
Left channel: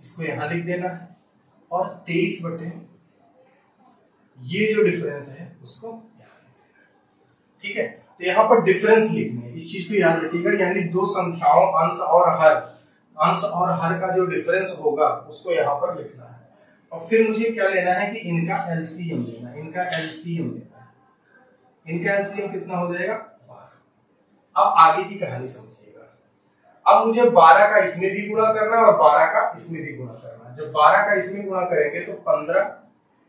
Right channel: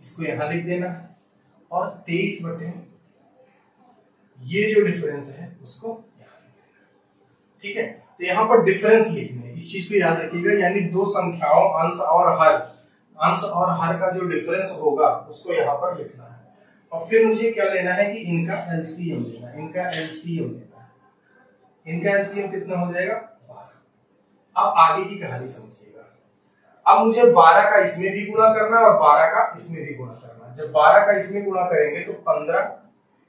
इसको यहां लिख देना है, और 23 बटे ये जो डिफरेंस है उसको यहां लिख देना है, ठीक है। तो यहाँ पर डिफरेंस लिखने है, इस चीज को याद रखिएगा, यानी दो संख्याओं अंश और हर, अंश और हर का जो डिफरेंस होगा उसको यहाँ पर लिखना है। और फिर मुझे क्या लेना है कि इनका एलसीएम लेना है, इनका एलसीएम लेना है। इनका एलसीएम कितना हो जाएगा, 12। अब आगे की कहानी समझिएगा। अब मुझे 12 का इसमें भी गुणा करना और 12 का इसमें भी गुणा करना। जब 12 का इसमें गुणा करेंगे तो 15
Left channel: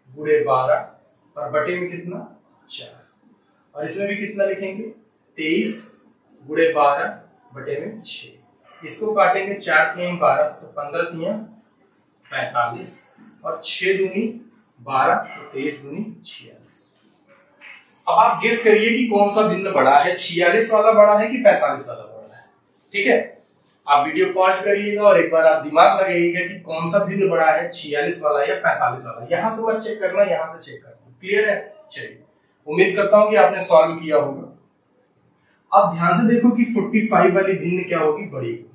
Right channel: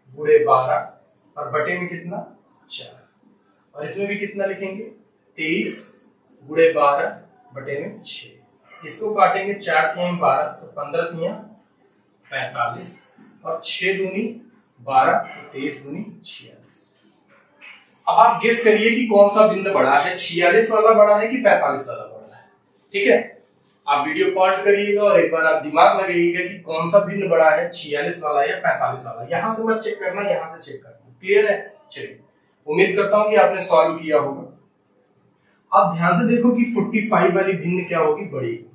गुणे 12 और बटे में कितना, 4, और इसमें भी कितना लिखेंगे, 23 गुणे 12 बटे में 6। इसको काटेंगे 4 3 12, तो 15 3 45, और 6 दूनी 12, तो 23 दूनी 46। अब आप गेस करिए कि कौन सा भिन्न बड़ा है, 46 वाला बड़ा है कि 45 वाला बड़ा है, ठीक है। आप वीडियो पॉज करिएगा और एक बार आप दिमाग लगाइएगा कि कौन सा भिन्न बड़ा है, 46 वाला या 45 वाला। यहां से मत चेक करना, यहां से चेक करना, क्लियर है। चलिए, उम्मीद करता हूं कि आपने सॉल्व किया होगा। अब ध्यान से देखो कि 45 वाली भिन्न क्या होगी, बड़ी होगी।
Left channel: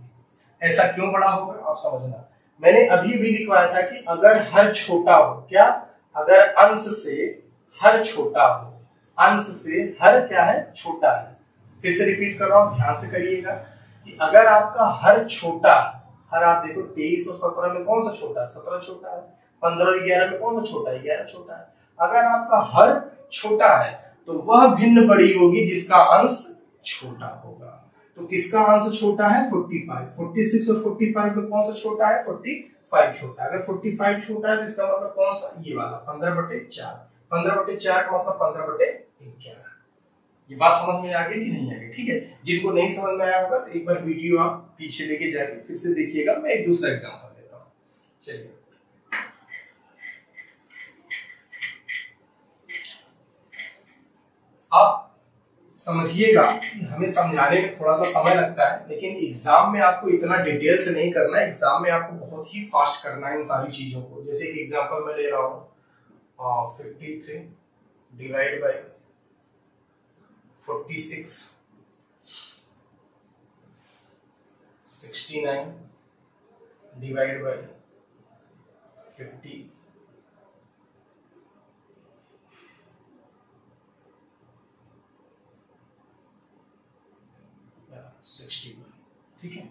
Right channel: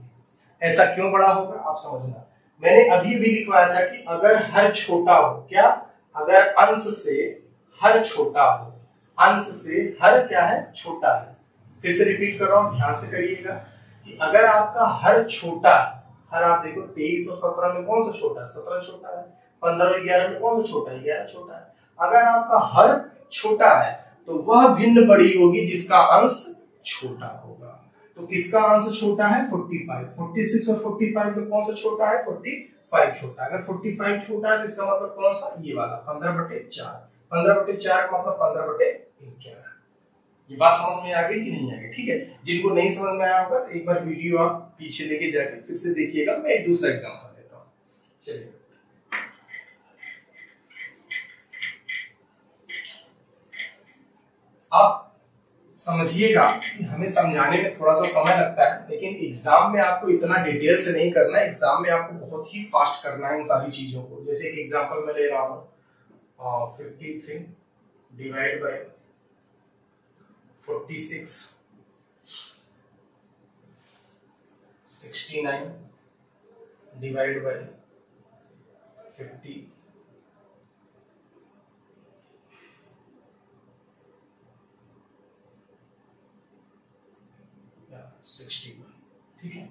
ऐसा क्यों बड़ा होगा आप समझना। मैंने अभी भी लिखवाया था कि अगर हर छोटा हो, क्या, अगर अंश से हर छोटा हो, अंश से हर क्या है, छोटा है। फिर से रिपीट कर रहा हूं, ध्यान से करिएगा कि अगर आपका हर छोटा, हर आप देखो 23 और 17 में कौन सा छोटा है, 17 छोटा है। 15 और 11 में कौन सा छोटा है, 11 छोटा है। अगर आपका हर छोटा है तो वह भिन्न बड़ी होगी जिसका अंश छोटा होगा। तो किसका अंश छोटा है, 45। 46 और 45 में कौन सा छोटा है, 45 छोटा है। अगर 45 छोटा है तो इसका मतलब कौन सा, ये वाला 15/4। 15/4 का मतलब 15/11। ये बात समझ में आ गई कि नहीं आ गई, ठीक है। जिनको नहीं समझ में आया होगा तो एक बार वीडियो आप पीछे लेके जाके फिर से देखिएगा। मैं एक दूसरा एग्जांपल देता हूँ। चलिए, आप समझिएगा कि हमें समझाने में थोड़ा सा समय लगता है, लेकिन एग्जाम में आपको इतना डिटेल से नहीं करना है। एग्जाम में आपको बहुत ही फास्ट करना है इन सारी चीजों को। जैसे एक एग्जांपल मैं ले रहा हूँ, 53 डिवाइड बाय 46, 69 डिवाइड बाय 50, 61, ठीक है।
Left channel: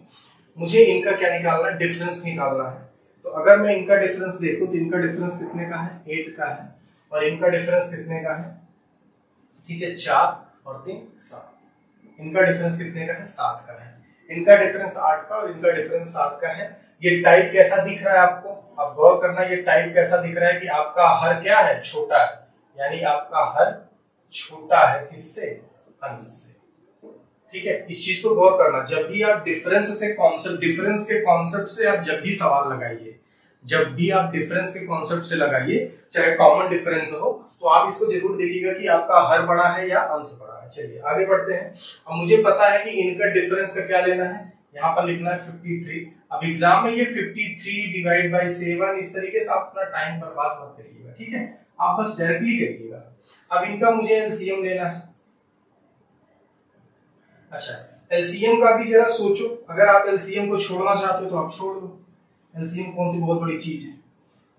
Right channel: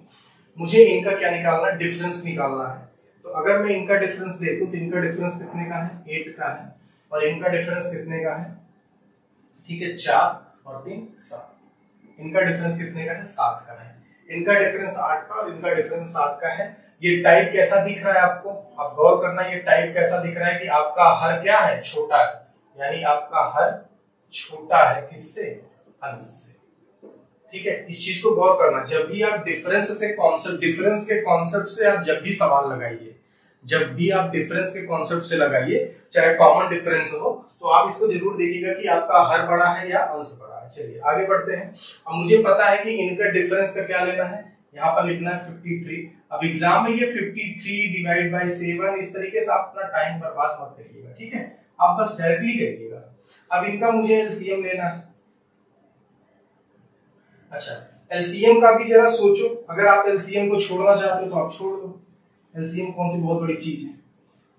मुझे इनका क्या निकालना है, डिफरेंस निकालना है। तो अगर मैं इनका डिफरेंस देखूं तो इनका डिफरेंस कितने का है, 8 का है, और इनका डिफरेंस कितने का है, ठीक है, 4 और 3 7। इनका डिफरेंस कितने का है? 7 का है। इनका डिफरेंस 8 का और इनका डिफरेंस 7 का है। ये टाइप कैसा दिख रहा है आपको? आप गौर करना, ये टाइप कैसा दिख रहा है कि आपका हर क्या है? छोटा है, यानी आपका हर छोटा है किससे? अंश से। ठीक है, इस चीज को गौर करना। जब भी आप डिफरेंस के कॉन्सेप्ट से आप जब भी सवाल लगाइए, जब भी आप डिफरेंस के कॉन्सेप्ट से लगाइए, चाहे कॉमन डिफरेंस हो, तो आप इसको जरूर देखिएगा कि आपका हर बड़ा है या अंश बड़ा है। चलिए आगे बढ़ते हैं। अब मुझे पता है कि इनका डिफरेंस का क्या लेना है, यहाँ पर लिखना है 53। अब एग्जाम में ये 53 डिवाइड बाई 7 इस तरीके से आप अपना टाइम बर्बाद मत करिएगा, ठीक है, आप बस डायरेक्टली करिएगा। अब इनका मुझे एलसीएम लेना है। अच्छा, एलसीएम का भी जरा सोचो, अगर आप एलसीएम को छोड़ना चाहते हो तो आप छोड़ दो। एलसीएम कौन सी बहुत बड़ी चीज है,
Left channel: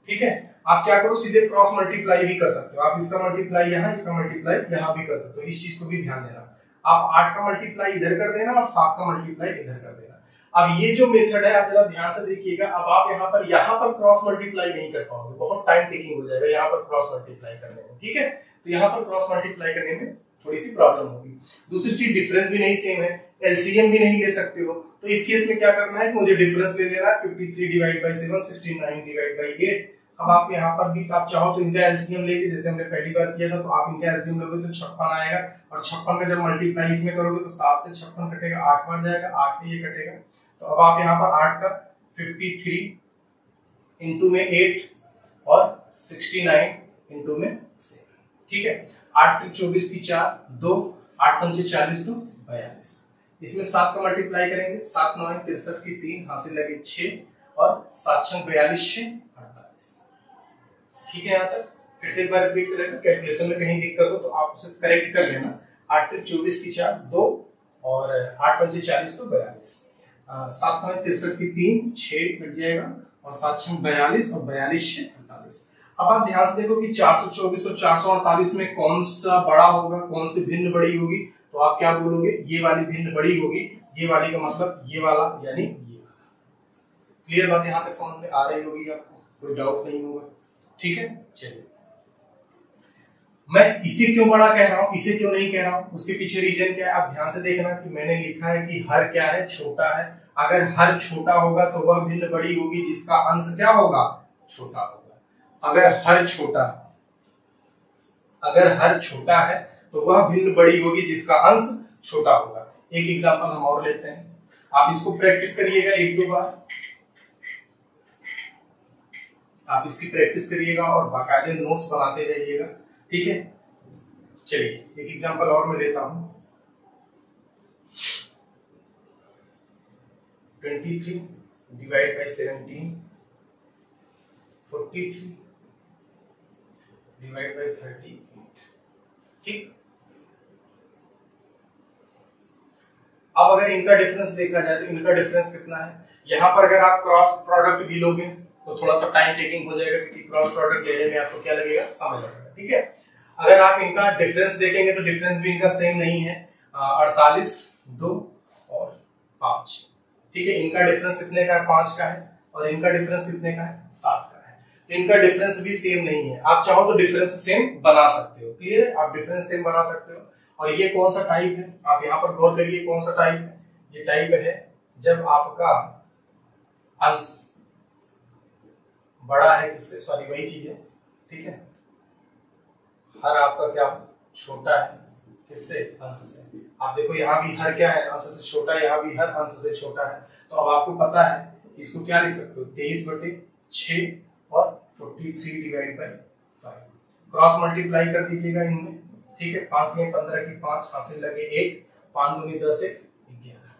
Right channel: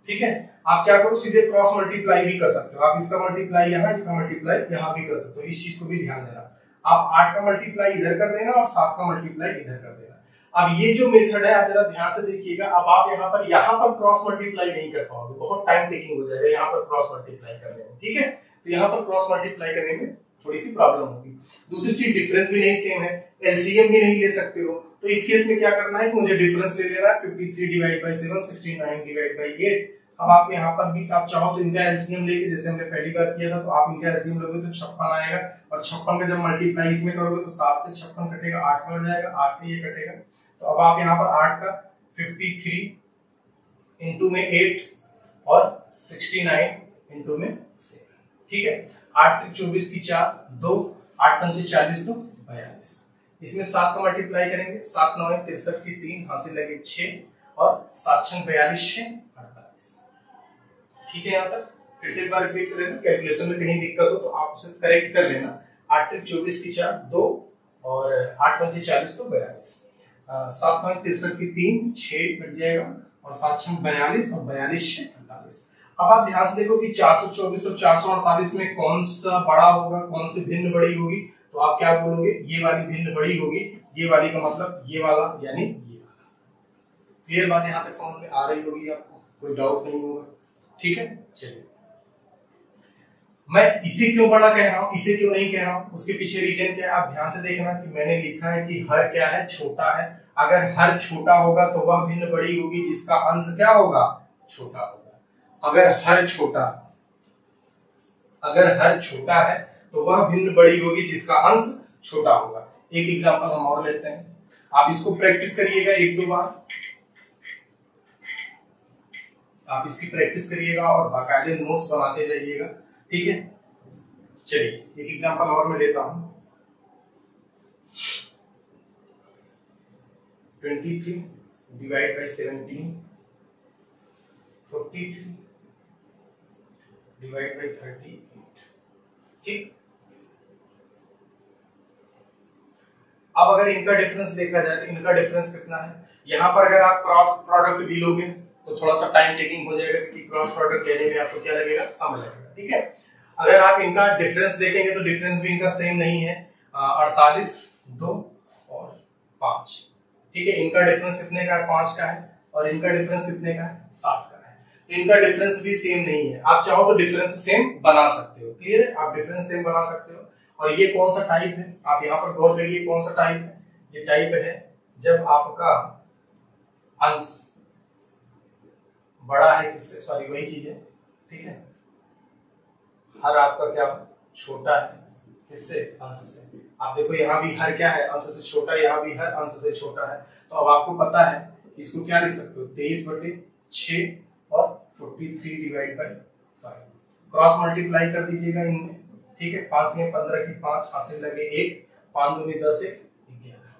ठीक है। आप क्या करो, सीधे क्रॉस मल्टीप्लाई भी कर सकते हो। आप इसका मल्टीप्लाई यहाँ, इसका मल्टीप्लाई यहाँ भी कर सकते हो। इस चीज को भी ध्यान देना, आप 8 का मल्टीप्लाई इधर कर देना और 7 का मल्टीप्लाई इधर कर देना। अब ये जो मेथड है आप जरा ध्यान से देखिएगा। अब आप यहाँ पर क्रॉस मल्टीप्लाई नहीं कर पाओगे, बहुत टाइम टेकिंग हो जाएगा यहाँ पर क्रॉस मल्टीप्लाई करने में, ठीक है। तो यहाँ पर क्रॉस मल्टीप्लाई करने में थोड़ी सी प्रॉब्लम होगी। दूसरी चीज, डिफरेंस भी नहीं सेम है, एलसीएम भी नहीं ले सकते हो। तो इस केस में क्या करना है कि मुझे डिफरेंस ले लेना है 53 डिवाइड बाई 7, 69 डिवाइड बाई 8। अब आप यहाँ पर भी आप चाहो तो इनका एलसीएम लेके, जैसे हमने पहली बार किया था, तो आप इनका एलसीएम लोगे तो 56 आएगा, और 56 का जब मल्टीप्लाई इसमें करोगे तो 7 से 56 कटेगा, 8 बन जाएगा, 8 से ये कटेगा। तो अब आप यहाँ पर 8 का 53 इंटू में 8 और 69 इंटू में 7, ठीक है। 8 3 24 की 4, 2 8 5 40 तो 42। इसमें 7 का मल्टीप्लाई करेंगे, 7 9 63 की 3 हासिल लगे 6 और 7 6 42 6 48, ठीक है। यहाँ तक फिर से एक बार रिपीट कर लेना, कैलकुलेशन में कहीं दिक्कत हो तो आप उसे करेक्ट कर लेना। 8 3 24 की 4, 2 और 8 5 40 तो 42, 7 9 63 की 3 6 कट जाएगा और 7 6 42 और 42 6 48। अब आप ध्यान से देखो कि 424 और 448 में कौन सा बड़ा होगा, कौन सी भिन्न बड़ी होगी, तो आप क्या बोलोगे, ये वाली भिन्न बड़ी होगी। ये वाली का मतलब ये वाला, यानी ये वाला। क्लियर बात यहाँ तक समझ में आ रही होगी आपको, कोई डाउट नहीं होगा, ठीक है। चलिए, मैं इसे क्यों बड़ा कह रहा हूं, इसे क्यों नहीं कह रहा हूं, उसके पीछे रीजन क्या है आप ध्यान से देखना कि मैंने लिखा है कि हर क्या है, छोटा है। अगर हर छोटा होगा तो वह भिन्न बड़ी होगी जिसका अंश क्या होगा, छोटा होगा। अगर हर छोटा है तो वह भिन्न बड़ी होगी जिसका अंश छोटा होगा। एक एग्जांपल हम और लेते हैं, आप इसको प्रैक्टिस करिएगा 1-2 बार, आप इसकी प्रैक्टिस करिएगा और बाकायदे नोट्स बनाते जाइएगा, ठीक है। चलिए एक एग्जांपल और मैं लेता हूं, 23 डिवाइड बाई 17, 43 डिवाइड बाई 38, ठीक। अब अगर इनका डिफरेंस देखा जाए तो इनका डिफरेंस कितना है। यहाँ पर अगर आप क्रॉस प्रोडक्ट भी लोगे तो थोड़ा सा टाइम टेकिंग हो जाएगा, क्योंकि क्रॉस प्रोडक्ट लेने में आपको क्या लगेगा, समय लगेगा, ठीक है। अगर आप इनका डिफरेंस देखेंगे तो डिफरेंस भी इनका सेम नहीं है, 48 2 और 5, ठीक है। इनका डिफरेंस कितने का है, 5 का है, और इनका डिफरेंस कितने का है, 7 का है। तो इनका डिफरेंस भी सेम नहीं है। आप चाहो तो डिफरेंस सेम बना सकते हो, क्लियर है, आप डिफरेंस सेम बना सकते हो। और ये कौन सा टाइप है, आप यहाँ पर गौर करिए, कौन सा टाइप है, ये टाइप है जब आपका अंश बड़ा है किससे, सॉरी वही चीज है, ठीक है। हर आपका क्या छोटा है किससे, अंश से। आप देखो यहाँ भी हर क्या है, अंश से छोटा, यहाँ भी हर अंश से छोटा है। तो अब आपको पता है इसको क्या लिख सकते हो, 23/6 और 43 डिवाइड बाई 5। क्रॉस मल्टीप्लाई कर दीजिएगा इनमें, ठीक है। 5 में 15 की 5 हासिल लगे 1, 5 2 में 10 1 11,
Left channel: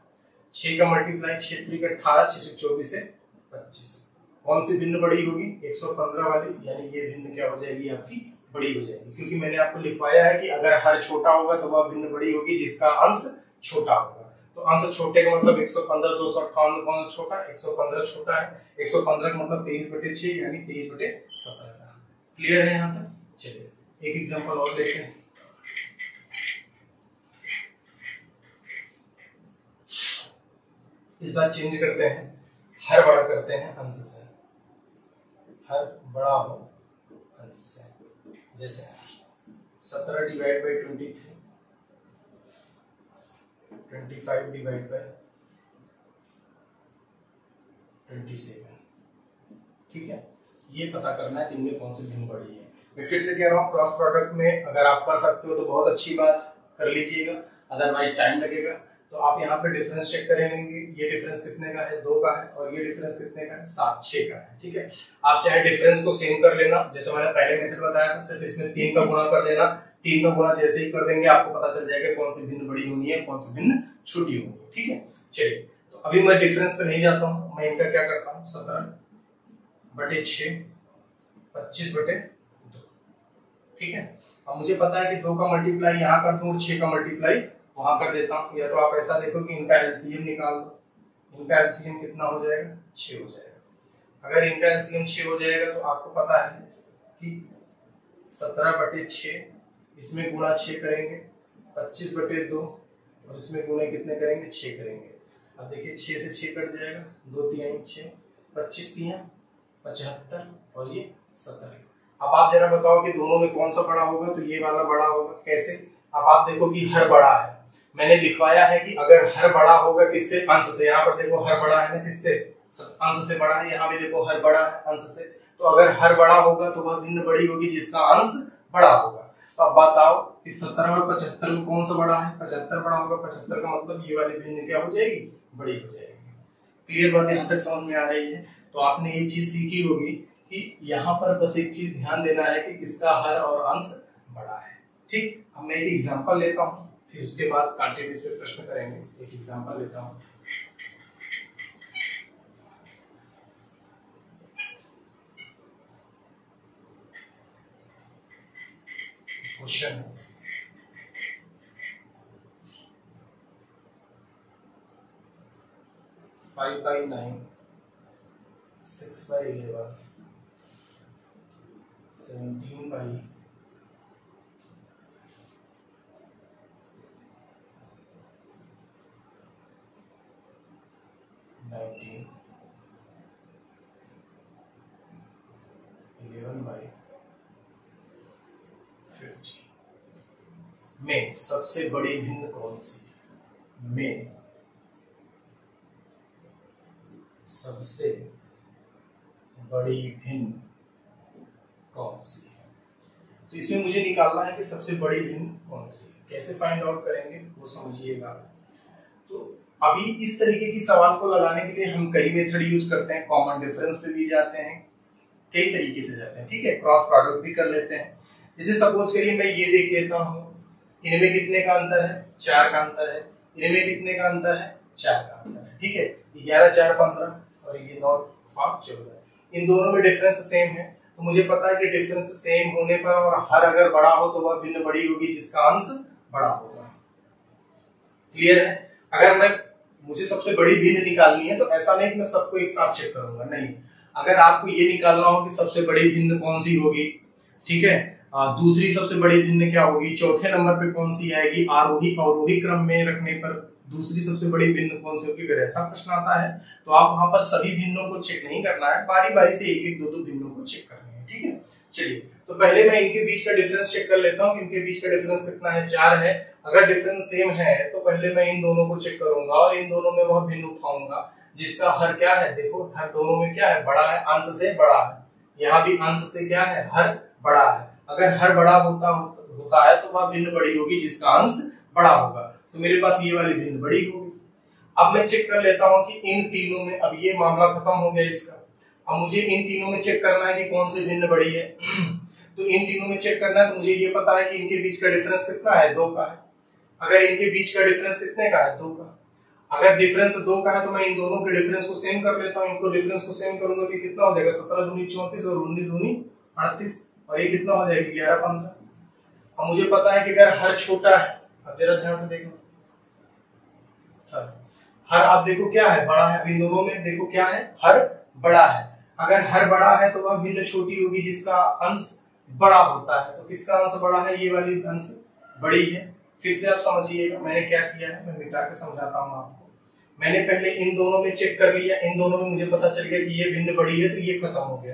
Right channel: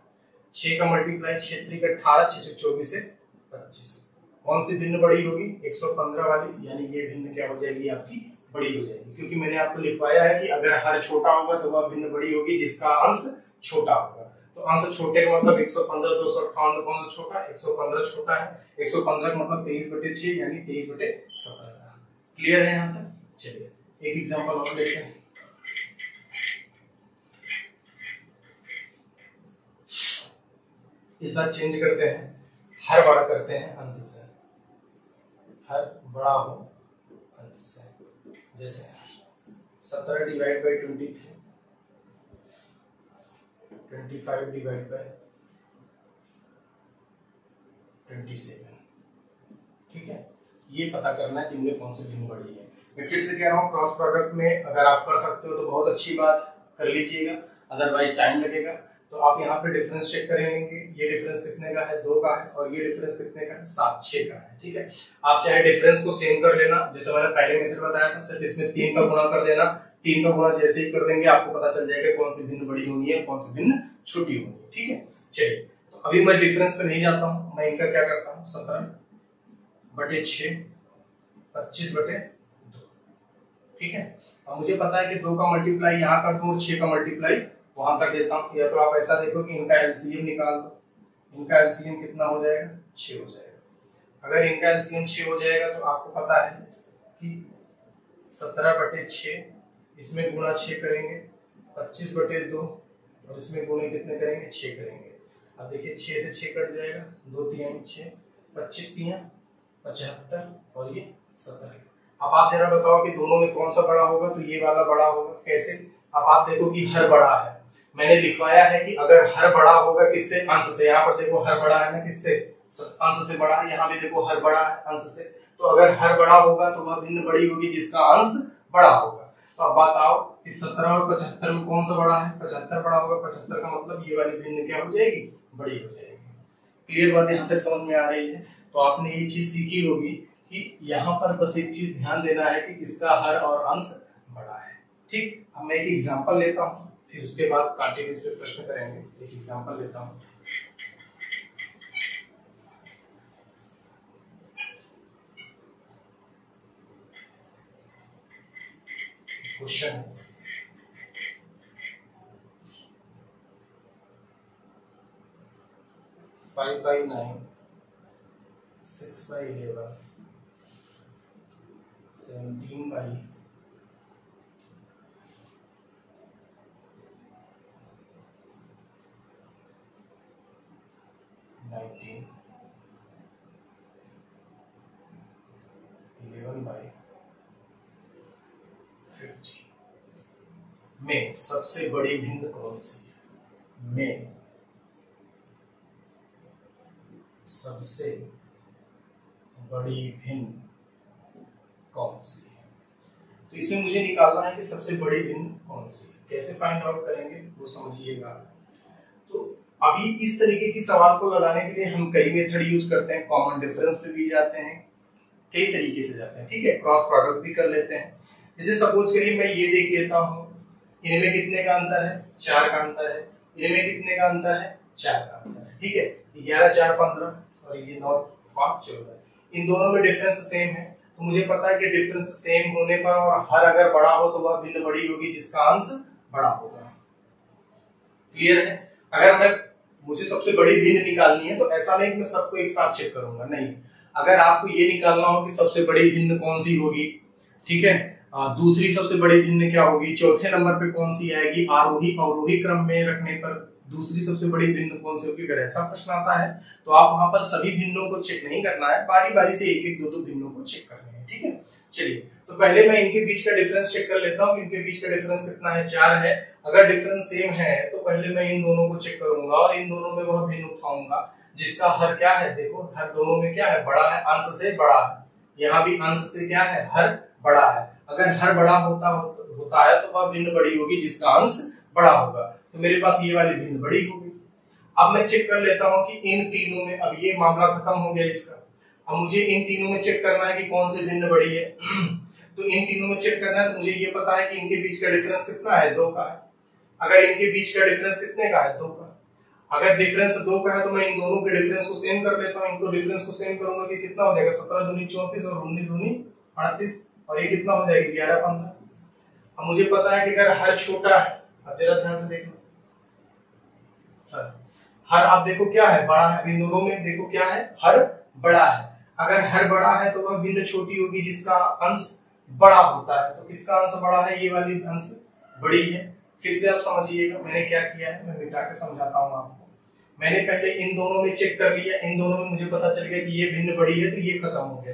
6 का मल्टीप्लाई 6 3 का 18, 6 6 24 से 25। कौन सी भिन्न बड़ी होगी, 115 वाली, यानी ये भिन्न क्या हो जाएगी, आपकी बड़ी हो जाएगी, क्योंकि मैंने आपको लिखवाया है कि अगर हर छोटा होगा तो वह भिन्न बड़ी होगी जिसका अंश छोटा होगा। तो अंश छोटे का मतलब 115 258 में कौन सा छोटा है, 115 छोटा है। 115 का मतलब 23/6 यानी 23/17। क्लियर है यहाँ तक। चलिए एक एग्जांपल और लेते हैं, इस बार चेंज करते हैं, हर बड़ा करते हैं अंश से, हर बड़ा हो अंश से। जैसे 17 डिवाइड बाई 23, 25 डिवाइड बाय 27, ठीक है। ये पता करना है कि इनमें कौन सी भिन्न बड़ी है। मैं फिर से कह रहा हूँ, क्रॉस प्रोडक्ट में अगर आप कर सकते हो तो बहुत अच्छी बात, कर लीजिएगा, अदरवाइज टाइम लगेगा। तो आप यहाँ पे डिफरेंस चेक करेंगे, ये डिफरेंस कितने का है, 2 का है, और ये डिफरेंस कितने का है, 7, 6 का है, ठीक है। आप चाहे डिफरेंस को सेम कर लेना, जैसे मैंने पहले मेथड बताया था, सिर्फ इसमें 3 का गुणा कर देना। 3 का गुणा जैसे ही कर देंगे आपको पता चल जाएगा कौन सी भिन्न बड़ी होनी है, कौन सी भिन्न छोटी होनी है, ठीक है। चलिए, तो अभी मैं डिफरेंस पे नहीं जाता हूँ, मैं इनका क्या करता हूँ, 17/6, 25/2, ठीक है। अब मुझे पता है कि 2 का मल्टीप्लाई यहाँ कर दूं और 6 का मल्टीप्लाई वहां कर देता हूँ। या तो आप ऐसा देखो कि इनका एलसीएम निकाल दो, इनका एलसीएम कितना हो जाएगा, 6 हो जाएगा। अगर इनका एलसीएम 6 हो जाएगा तो आपको पता है कि 17/6, इसमें गुणा 6 करेंगे, 25/2, और इसमें गुणे कितने करेंगे, 6 करेंगे। अब देखिए 6 से 6 कट जाएगा, 2 3 6, 25 3 75, और ये 17। अब आप जरा बताओ कि दोनों में कौन सा बड़ा होगा, तो ये वाला बड़ा होगा। कैसे? अब आप देखो कि हर बड़ा है, मैंने लिखवाया है कि अगर हर बड़ा होगा किससे, अंश से। यहाँ पर देखो हर बड़ा है ना, किससे, अंश से बड़ा है। यहाँ भी देखो हर बड़ा है अंश से। तो अगर हर बड़ा होगा तो वह भिन्न बड़ी होगी जिसका अंश बड़ा होगा। तो अब बताओ इस 17 और 75 में कौन सा बड़ा है, 75 बड़ा होगा। 75 का मतलब ये वाली भिन्न क्या हो जाएगी, बड़ी हो जाएगी। क्लियर बात यहाँ तक समझ में आ रही है? तो आपने ये चीज सीखी होगी कि यहाँ पर बस एक चीज ध्यान देना है कि किसका हर और अंश बड़ा है, ठीक। अब मैं एक एग्जांपल लेता हूँ, फिर उसके बाद कंटिन्यूअस पे प्रश्न करेंगे। एक एग्जांपल लेता हूँ, क्वेश्चन 5/9, 6/11, 17/19, 11/50 में सबसे बड़ी भिन्न कौन सी है? में सबसे बड़ी भिन्न कौन सी है? तो इसमें मुझे निकालना है कि सबसे बड़ी भिन्न कौन सी है। कैसे फाइंड आउट करेंगे वो समझिएगा। तो अभी इस तरीके की सवाल को लगाने के लिए हम कई मेथड यूज करते हैं। कॉमन डिफरेंस पे भी जाते हैं, कई तरीके से जाते हैं, ठीक है। क्रॉस प्रोडक्ट भी कर लेते हैं। जैसे सपोज करिए मैं ये देख लेता हूँ, इनमें कितने का अंतर है, 4 का अंतर है। इनमें कितने का अंतर है, 4 का अंतर है, ठीक है। 11 4 15 और ये 9 5 14। इन दोनों में डिफरेंस सेम है, तो मुझे पता है कि डिफरेंस सेम होने पर और हर अगर बड़ा हो तो वह भिन्न बड़ी होगी जिसका अंश बड़ा होगा। क्लियर है? अगर मुझे सबसे बड़ी भिन्न निकालनी है तो ऐसा नहीं कि मैं सबको एक साथ चेक करूंगा, नहीं। अगर आपको ये निकालना हो कि सबसे बड़ी भिन्न कौन सी होगी, ठीक है, दूसरी सबसे बड़ी भिन्न क्या होगी, चौथे नंबर पे कौन सी आएगी, आरोही अवरोही क्रम में रखने पर दूसरी सबसे बड़ी भिन्न कौन सी होगी, अगर ऐसा प्रश्न आता है तो आप वहां पर सभी भिन्नों को चेक नहीं करना है, बारी बारी से एक एक दो भिन्नों को चेक करने हैं, ठीक है। चलिए, तो पहले मैं इनके बीच का डिफरेंस चेक कर लेता हूँ। इनके बीच का डिफरेंस कितना है, 4 है। अगर डिफरेंस सेम है तो पहले मैं इन दोनों को चेक करूंगा और इन दोनों में वह भिन्न उठाऊंगा जिसका हर क्या है। देखो हर दोनों में क्या है, बड़ा है, अंश से बड़ा है। यहाँ भी अंश से क्या है, हर बड़ा है। अगर हर बड़ा होता है तो वह भिन्न बड़ी होगी जिसका अंश बड़ा होगा। तो मेरे पास ये वाली भिन्न बड़ी होगी। अब मैं चेक कर लेता हूँ कि इन तीनों में, अब ये मामला खत्म हो गया इसका। अब मुझे इन तीनों में चेक करना है कि कौन सी भिन्न बड़ी है। तो इन तीनों में चेक करना है तो मुझे ये पता है कि इनके बीच का डिफरेंस कितना है, 2 का है। अगर इनके बीच का डिफरेंस कितने का है, 2 का। अगर डिफरेंस 2 का है तो मैं इन दोनों के डिफरेंस को सेम कर लेता हूँ। इनको डिफरेंस को सेम करूंगा कि कितना हो जाएगा, 17 दूनी 34 और 19 दूनी 38, और ये कितना हो जाएगा, 11 15। अब मुझे पता है कि अगर हर छोटा है, अब जरा ध्यान से देखो, हर आप देखो क्या है, बड़ा है। इन दोनों में देखो क्या है, हर बड़ा है। अगर हर बड़ा है तो वह भिन्न छोटी होगी जिसका अंश बड़ा होता है। तो किसका अंश बड़ा है, ये वाली अंश बड़ी है। फिर से आप समझिएगा मैंने क्या किया है, मैं मिटा के समझाता हूँ आपको। मैंने पहले इन दोनों में चेक कर लिया, इन दोनों में मुझे पता चल गया कि ये भिन्न बड़ी है, तो ये खत्म हो गया।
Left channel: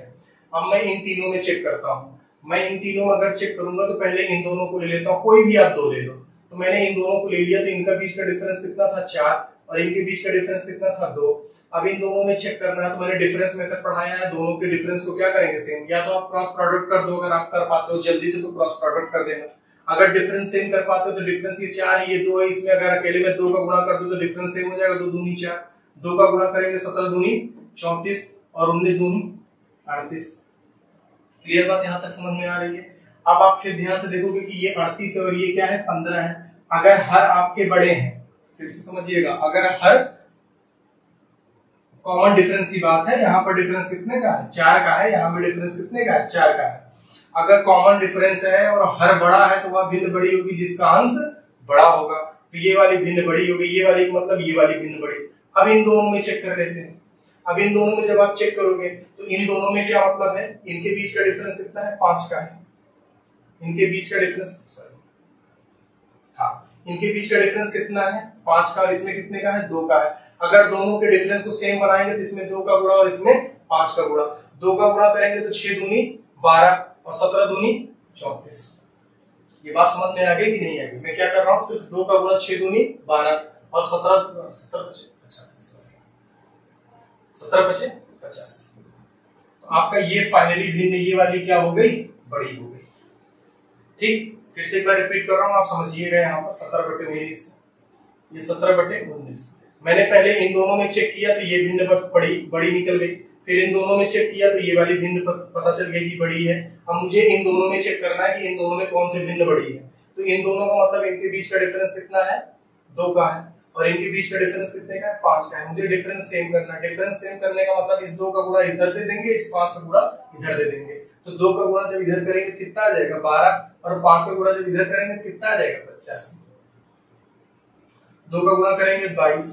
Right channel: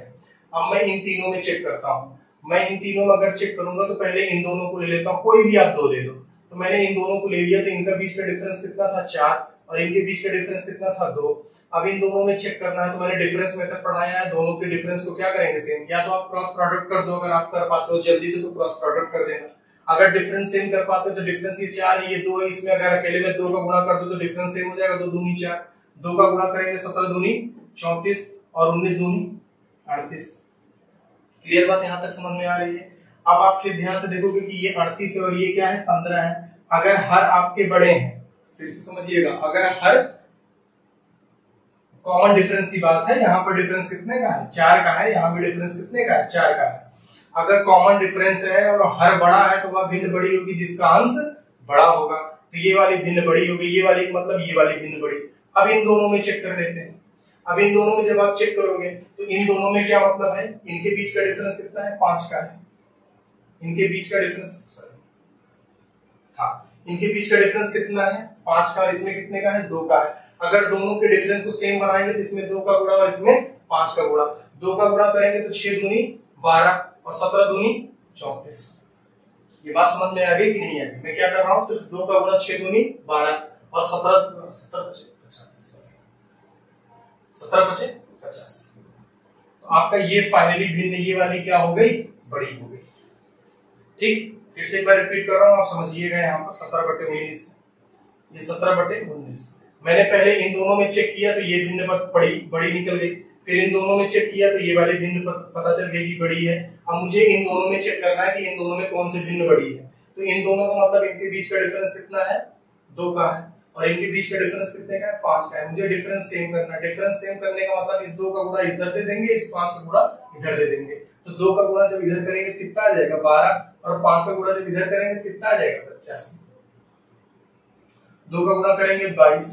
अब मैं इन तीनों में चेक करता हूँ। मैं इन तीनों में अगर चेक करूंगा तो पहले इन दोनों को ले लेता हूँ, कोई भी आप 2 दे दो। तो मैंने इन दोनों को ले लिया, तो इनका बीच का डिफरेंस कितना था 4 और इनके बीच का डिफरेंस कितना था 2। अब इन दोनों में चेक करना है, तो मैंने डिफरेंस मेथड पढ़ाया है, दोनों के डिफरेंस को क्या करेंगे सेम, या तो आप क्रॉस प्रोडक्ट कर दो, अगर आप कर पाते हो जल्दी से तो क्रॉस प्रोडक्ट कर देना, अगर डिफरेंस सेम कर पाते हो तो डिफरेंस ये 4 ये 2 है, इसमें अगर अकेले में 2 का गुणा कर दो तो डिफरेंस सेम हो जाएगा, 2 दूनी 4, 2 का गुणा करेंगे 17 दूनी 34 और 19 दूनी 38। क्लियर बात यहां तक समझ में आ रही है। अब आप फिर ध्यान से देखोगे कि ये 38 है और ये क्या है 15 है। अगर हर आपके बड़े हैं, फिर से समझिएगा, अगर हर कॉमन डिफरेंस की बात है, यहाँ पर डिफरेंस कितने का है 4 का है, यहाँ पर डिफरेंस कितने का है 4 का है। अगर कॉमन डिफरेंस है और हर बड़ा है तो वह भिन्न बड़ी होगी जिसका अंश बड़ा होगा, तो ये वाली भिन्न बड़ी होगी, ये वाली मतलब ये वाली भिन्न बड़ी। अब इन दोनों में चेक कर लेते हैं। अब इन दोनों में जब आप चेक करोगे तो इन दोनों में क्या मतलब है, इनके बीच का डिफरेंस कितना है 5 का है, इनके बीच का डिफरेंस इनके बीच का डिफरेंस कितना है 5 का और इसमें कितने का है 2 का है। अगर दोनों के डिफरेंस को सेम बनाएंगे तो इसमें 2 का गुणा और इसमें 5 का गुणा, 2 का गुणा करेंगे तो 6 दूनी 12 और 17 दूनी 34। ये बात समझ में आ गई कि नहीं आ गई? मैं क्या कर रहा हूँ, सिर्फ 2 का गुणा 6 दूनी 12 और 17 बचे 50। तो आपका ये फाइनली भिन्न ये वाली क्या हो गई, बड़ी हो गई। ठीक, फिर से एक बार रिपीट कर रहा हूँ, आप समझिएगा। यहाँ पर 17/19, ये 17/19। मैंने पहले इन दोनों में चेक किया तो ये भिन्न बड़ी निकल गई, फिर इन दोनों में चेक किया तो ये वाली भिन्न पता चल गई कि बड़ी है। अब मुझे इन दोनों में चेक करना है कि इन दोनों में कौन सी भिन्न बड़ी है। तो इन दोनों का मतलब इनके बीच का डिफरेंस कितना है 2 का है और इनके बीच का डिफरेंस कितने का है 5 का है। मुझे डिफरेंस सेम करना है। डिफरेंस सेम करने का मतलब इस 2 का गुणा इधर दे देंगे, इस 5 का गुणा इधर दे देंगे। तो 2 का गुणा जब इधर करेंगे कितना आ जाएगा 12 और 5 का गुणा जब इधर करेंगे कितना आ जाएगा 85। 2 का गुणा करेंगे 22,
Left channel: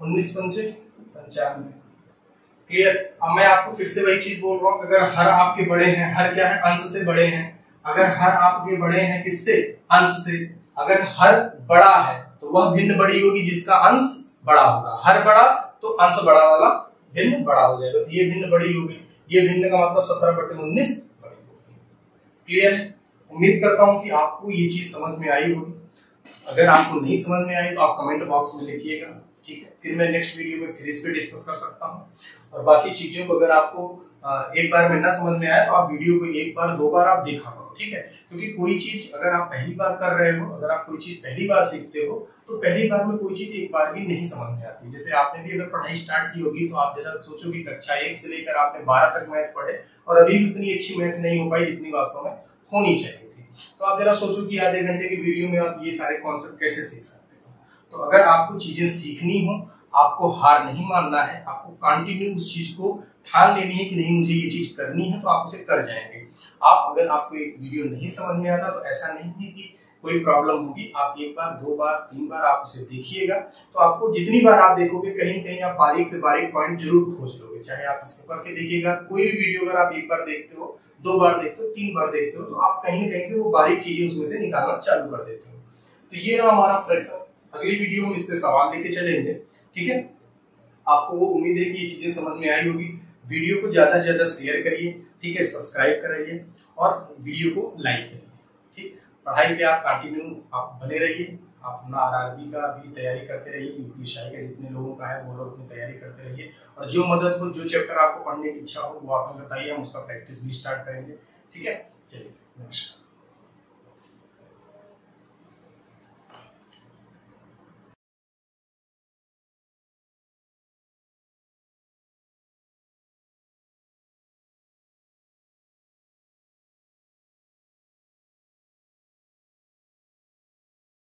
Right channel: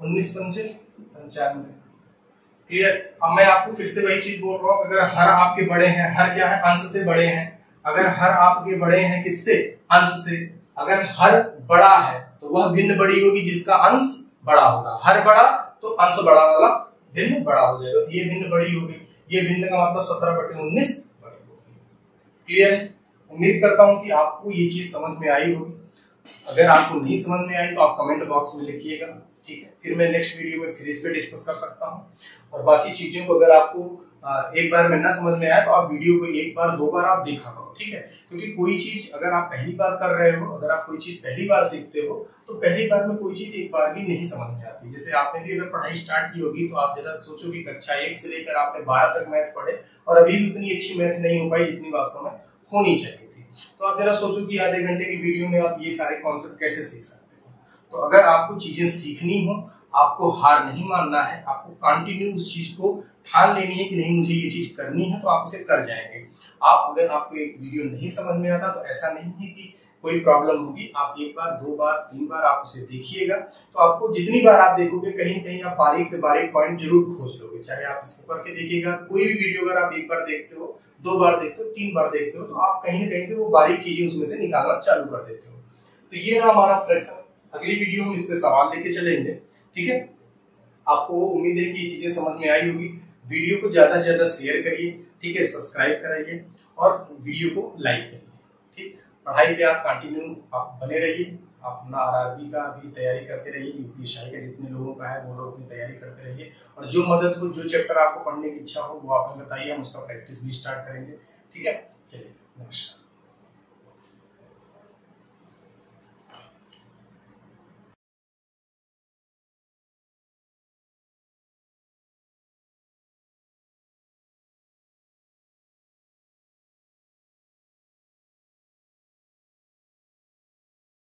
19 पंचे 95। क्लियर। अब मैं आपको फिर से वही चीज बोल रहा हूँ, अगर हर आपके बड़े हैं, हर क्या है अंश से बड़े हैं, अगर हर आपके बड़े हैं किससे, अंश से, अगर हर बड़ा है तो वह भिन्न बड़ी होगी जिसका अंश बड़ा होगा। हर बड़ा तो अंश बड़ा वाला भिन्न बड़ा हो जाएगा, तो ये भिन्न बड़ी होगी। ये भिन्न का मतलब 17/19 बड़ी होगी। क्लियर है। उम्मीद करता हूं कि आपको ये चीज समझ में आई होगी। अगर आपको नहीं समझ में आई तो आप कमेंट बॉक्स में लिखिएगा, ठीक है। फिर मैं नेक्स्ट वीडियो में फिर इस पे डिस्कस कर सकता हूँ। और बाकी चीजों को अगर आपको एक बार में ना समझ में आए तो आप वीडियो को एक बार 2 बार आप देखा करो, ठीक है। क्योंकि कोई चीज अगर आप पहली बार कर रहे हो, अगर आप कोई चीज पहली बार सीखते हो तो पहली बार में कोई चीज एक बार भी नहीं समझ में आती। जैसे आपने भी अगर पढ़ाई स्टार्ट की होगी तो आप जरा सोचो कि कक्षा 1 से लेकर आपने 12 तक मैथ पढ़े और अभी भी उतनी अच्छी मैथ नहीं हो पाई जितनी वास्तव में होनी चाहिए थी। तो आप जरा सोचो कि आधे घंटे की वीडियो में आप ये सारे कॉन्सेप्ट कैसे सीख सकते हो। तो अगर आपको चीजें सीखनी हो, आपको हार नहीं मानना है, आपको कंटिन्यू उस चीज को ठान लेनी है कि नहीं मुझे ये चीज करनी है, तो आप उसे कर जाएंगे। आप अगर आपको एक वीडियो नहीं समझ में आता तो ऐसा नहीं है कि कोई प्रॉब्लम होगी। आप एक बार 2 बार 3 बार आप उसे देखिएगा, तो आपको जितनी बार आप देखोगे कहीं न कहीं आप बारीक से बारीक पॉइंट जरूर खोज लोगे। चाहे आप इसको करके देखिएगा, कोई भी वीडियो अगर आप एक बार देखते हो, 2 बार देखते हो, 3 बार देखते हो, तो आप कहीं न कहीं से वो बारीक चीजें उसमें से निकालना चालू कर देते हो। तो ये ना हमारा फ्रैक्शन। अगली वीडियो में इस पे सवाल लेके चलेंगे, ठीक है। आपको उम्मीद है कि ये चीजें समझ में आई होगी। वीडियो को ज्यादा से ज्यादा शेयर करिए, ठीक है, सब्सक्राइब कराइए और वीडियो को लाइक करिए, ठीक। पढ़ाई पे आप कंटिन्यू आप बने रहिए। आप अपना आरआरबी का भी तैयारी करते रहिए, यूपीएससी का जितने लोगों का है वो लोग अपनी तैयारी करते रहिए। और जो मदद हो, जो चैप्टर आपको पढ़ने की इच्छा हो वो आप हमें बताइए, हम उसका प्रैक्टिस भी स्टार्ट करेंगे, ठीक है। चलिए, नमस्कार।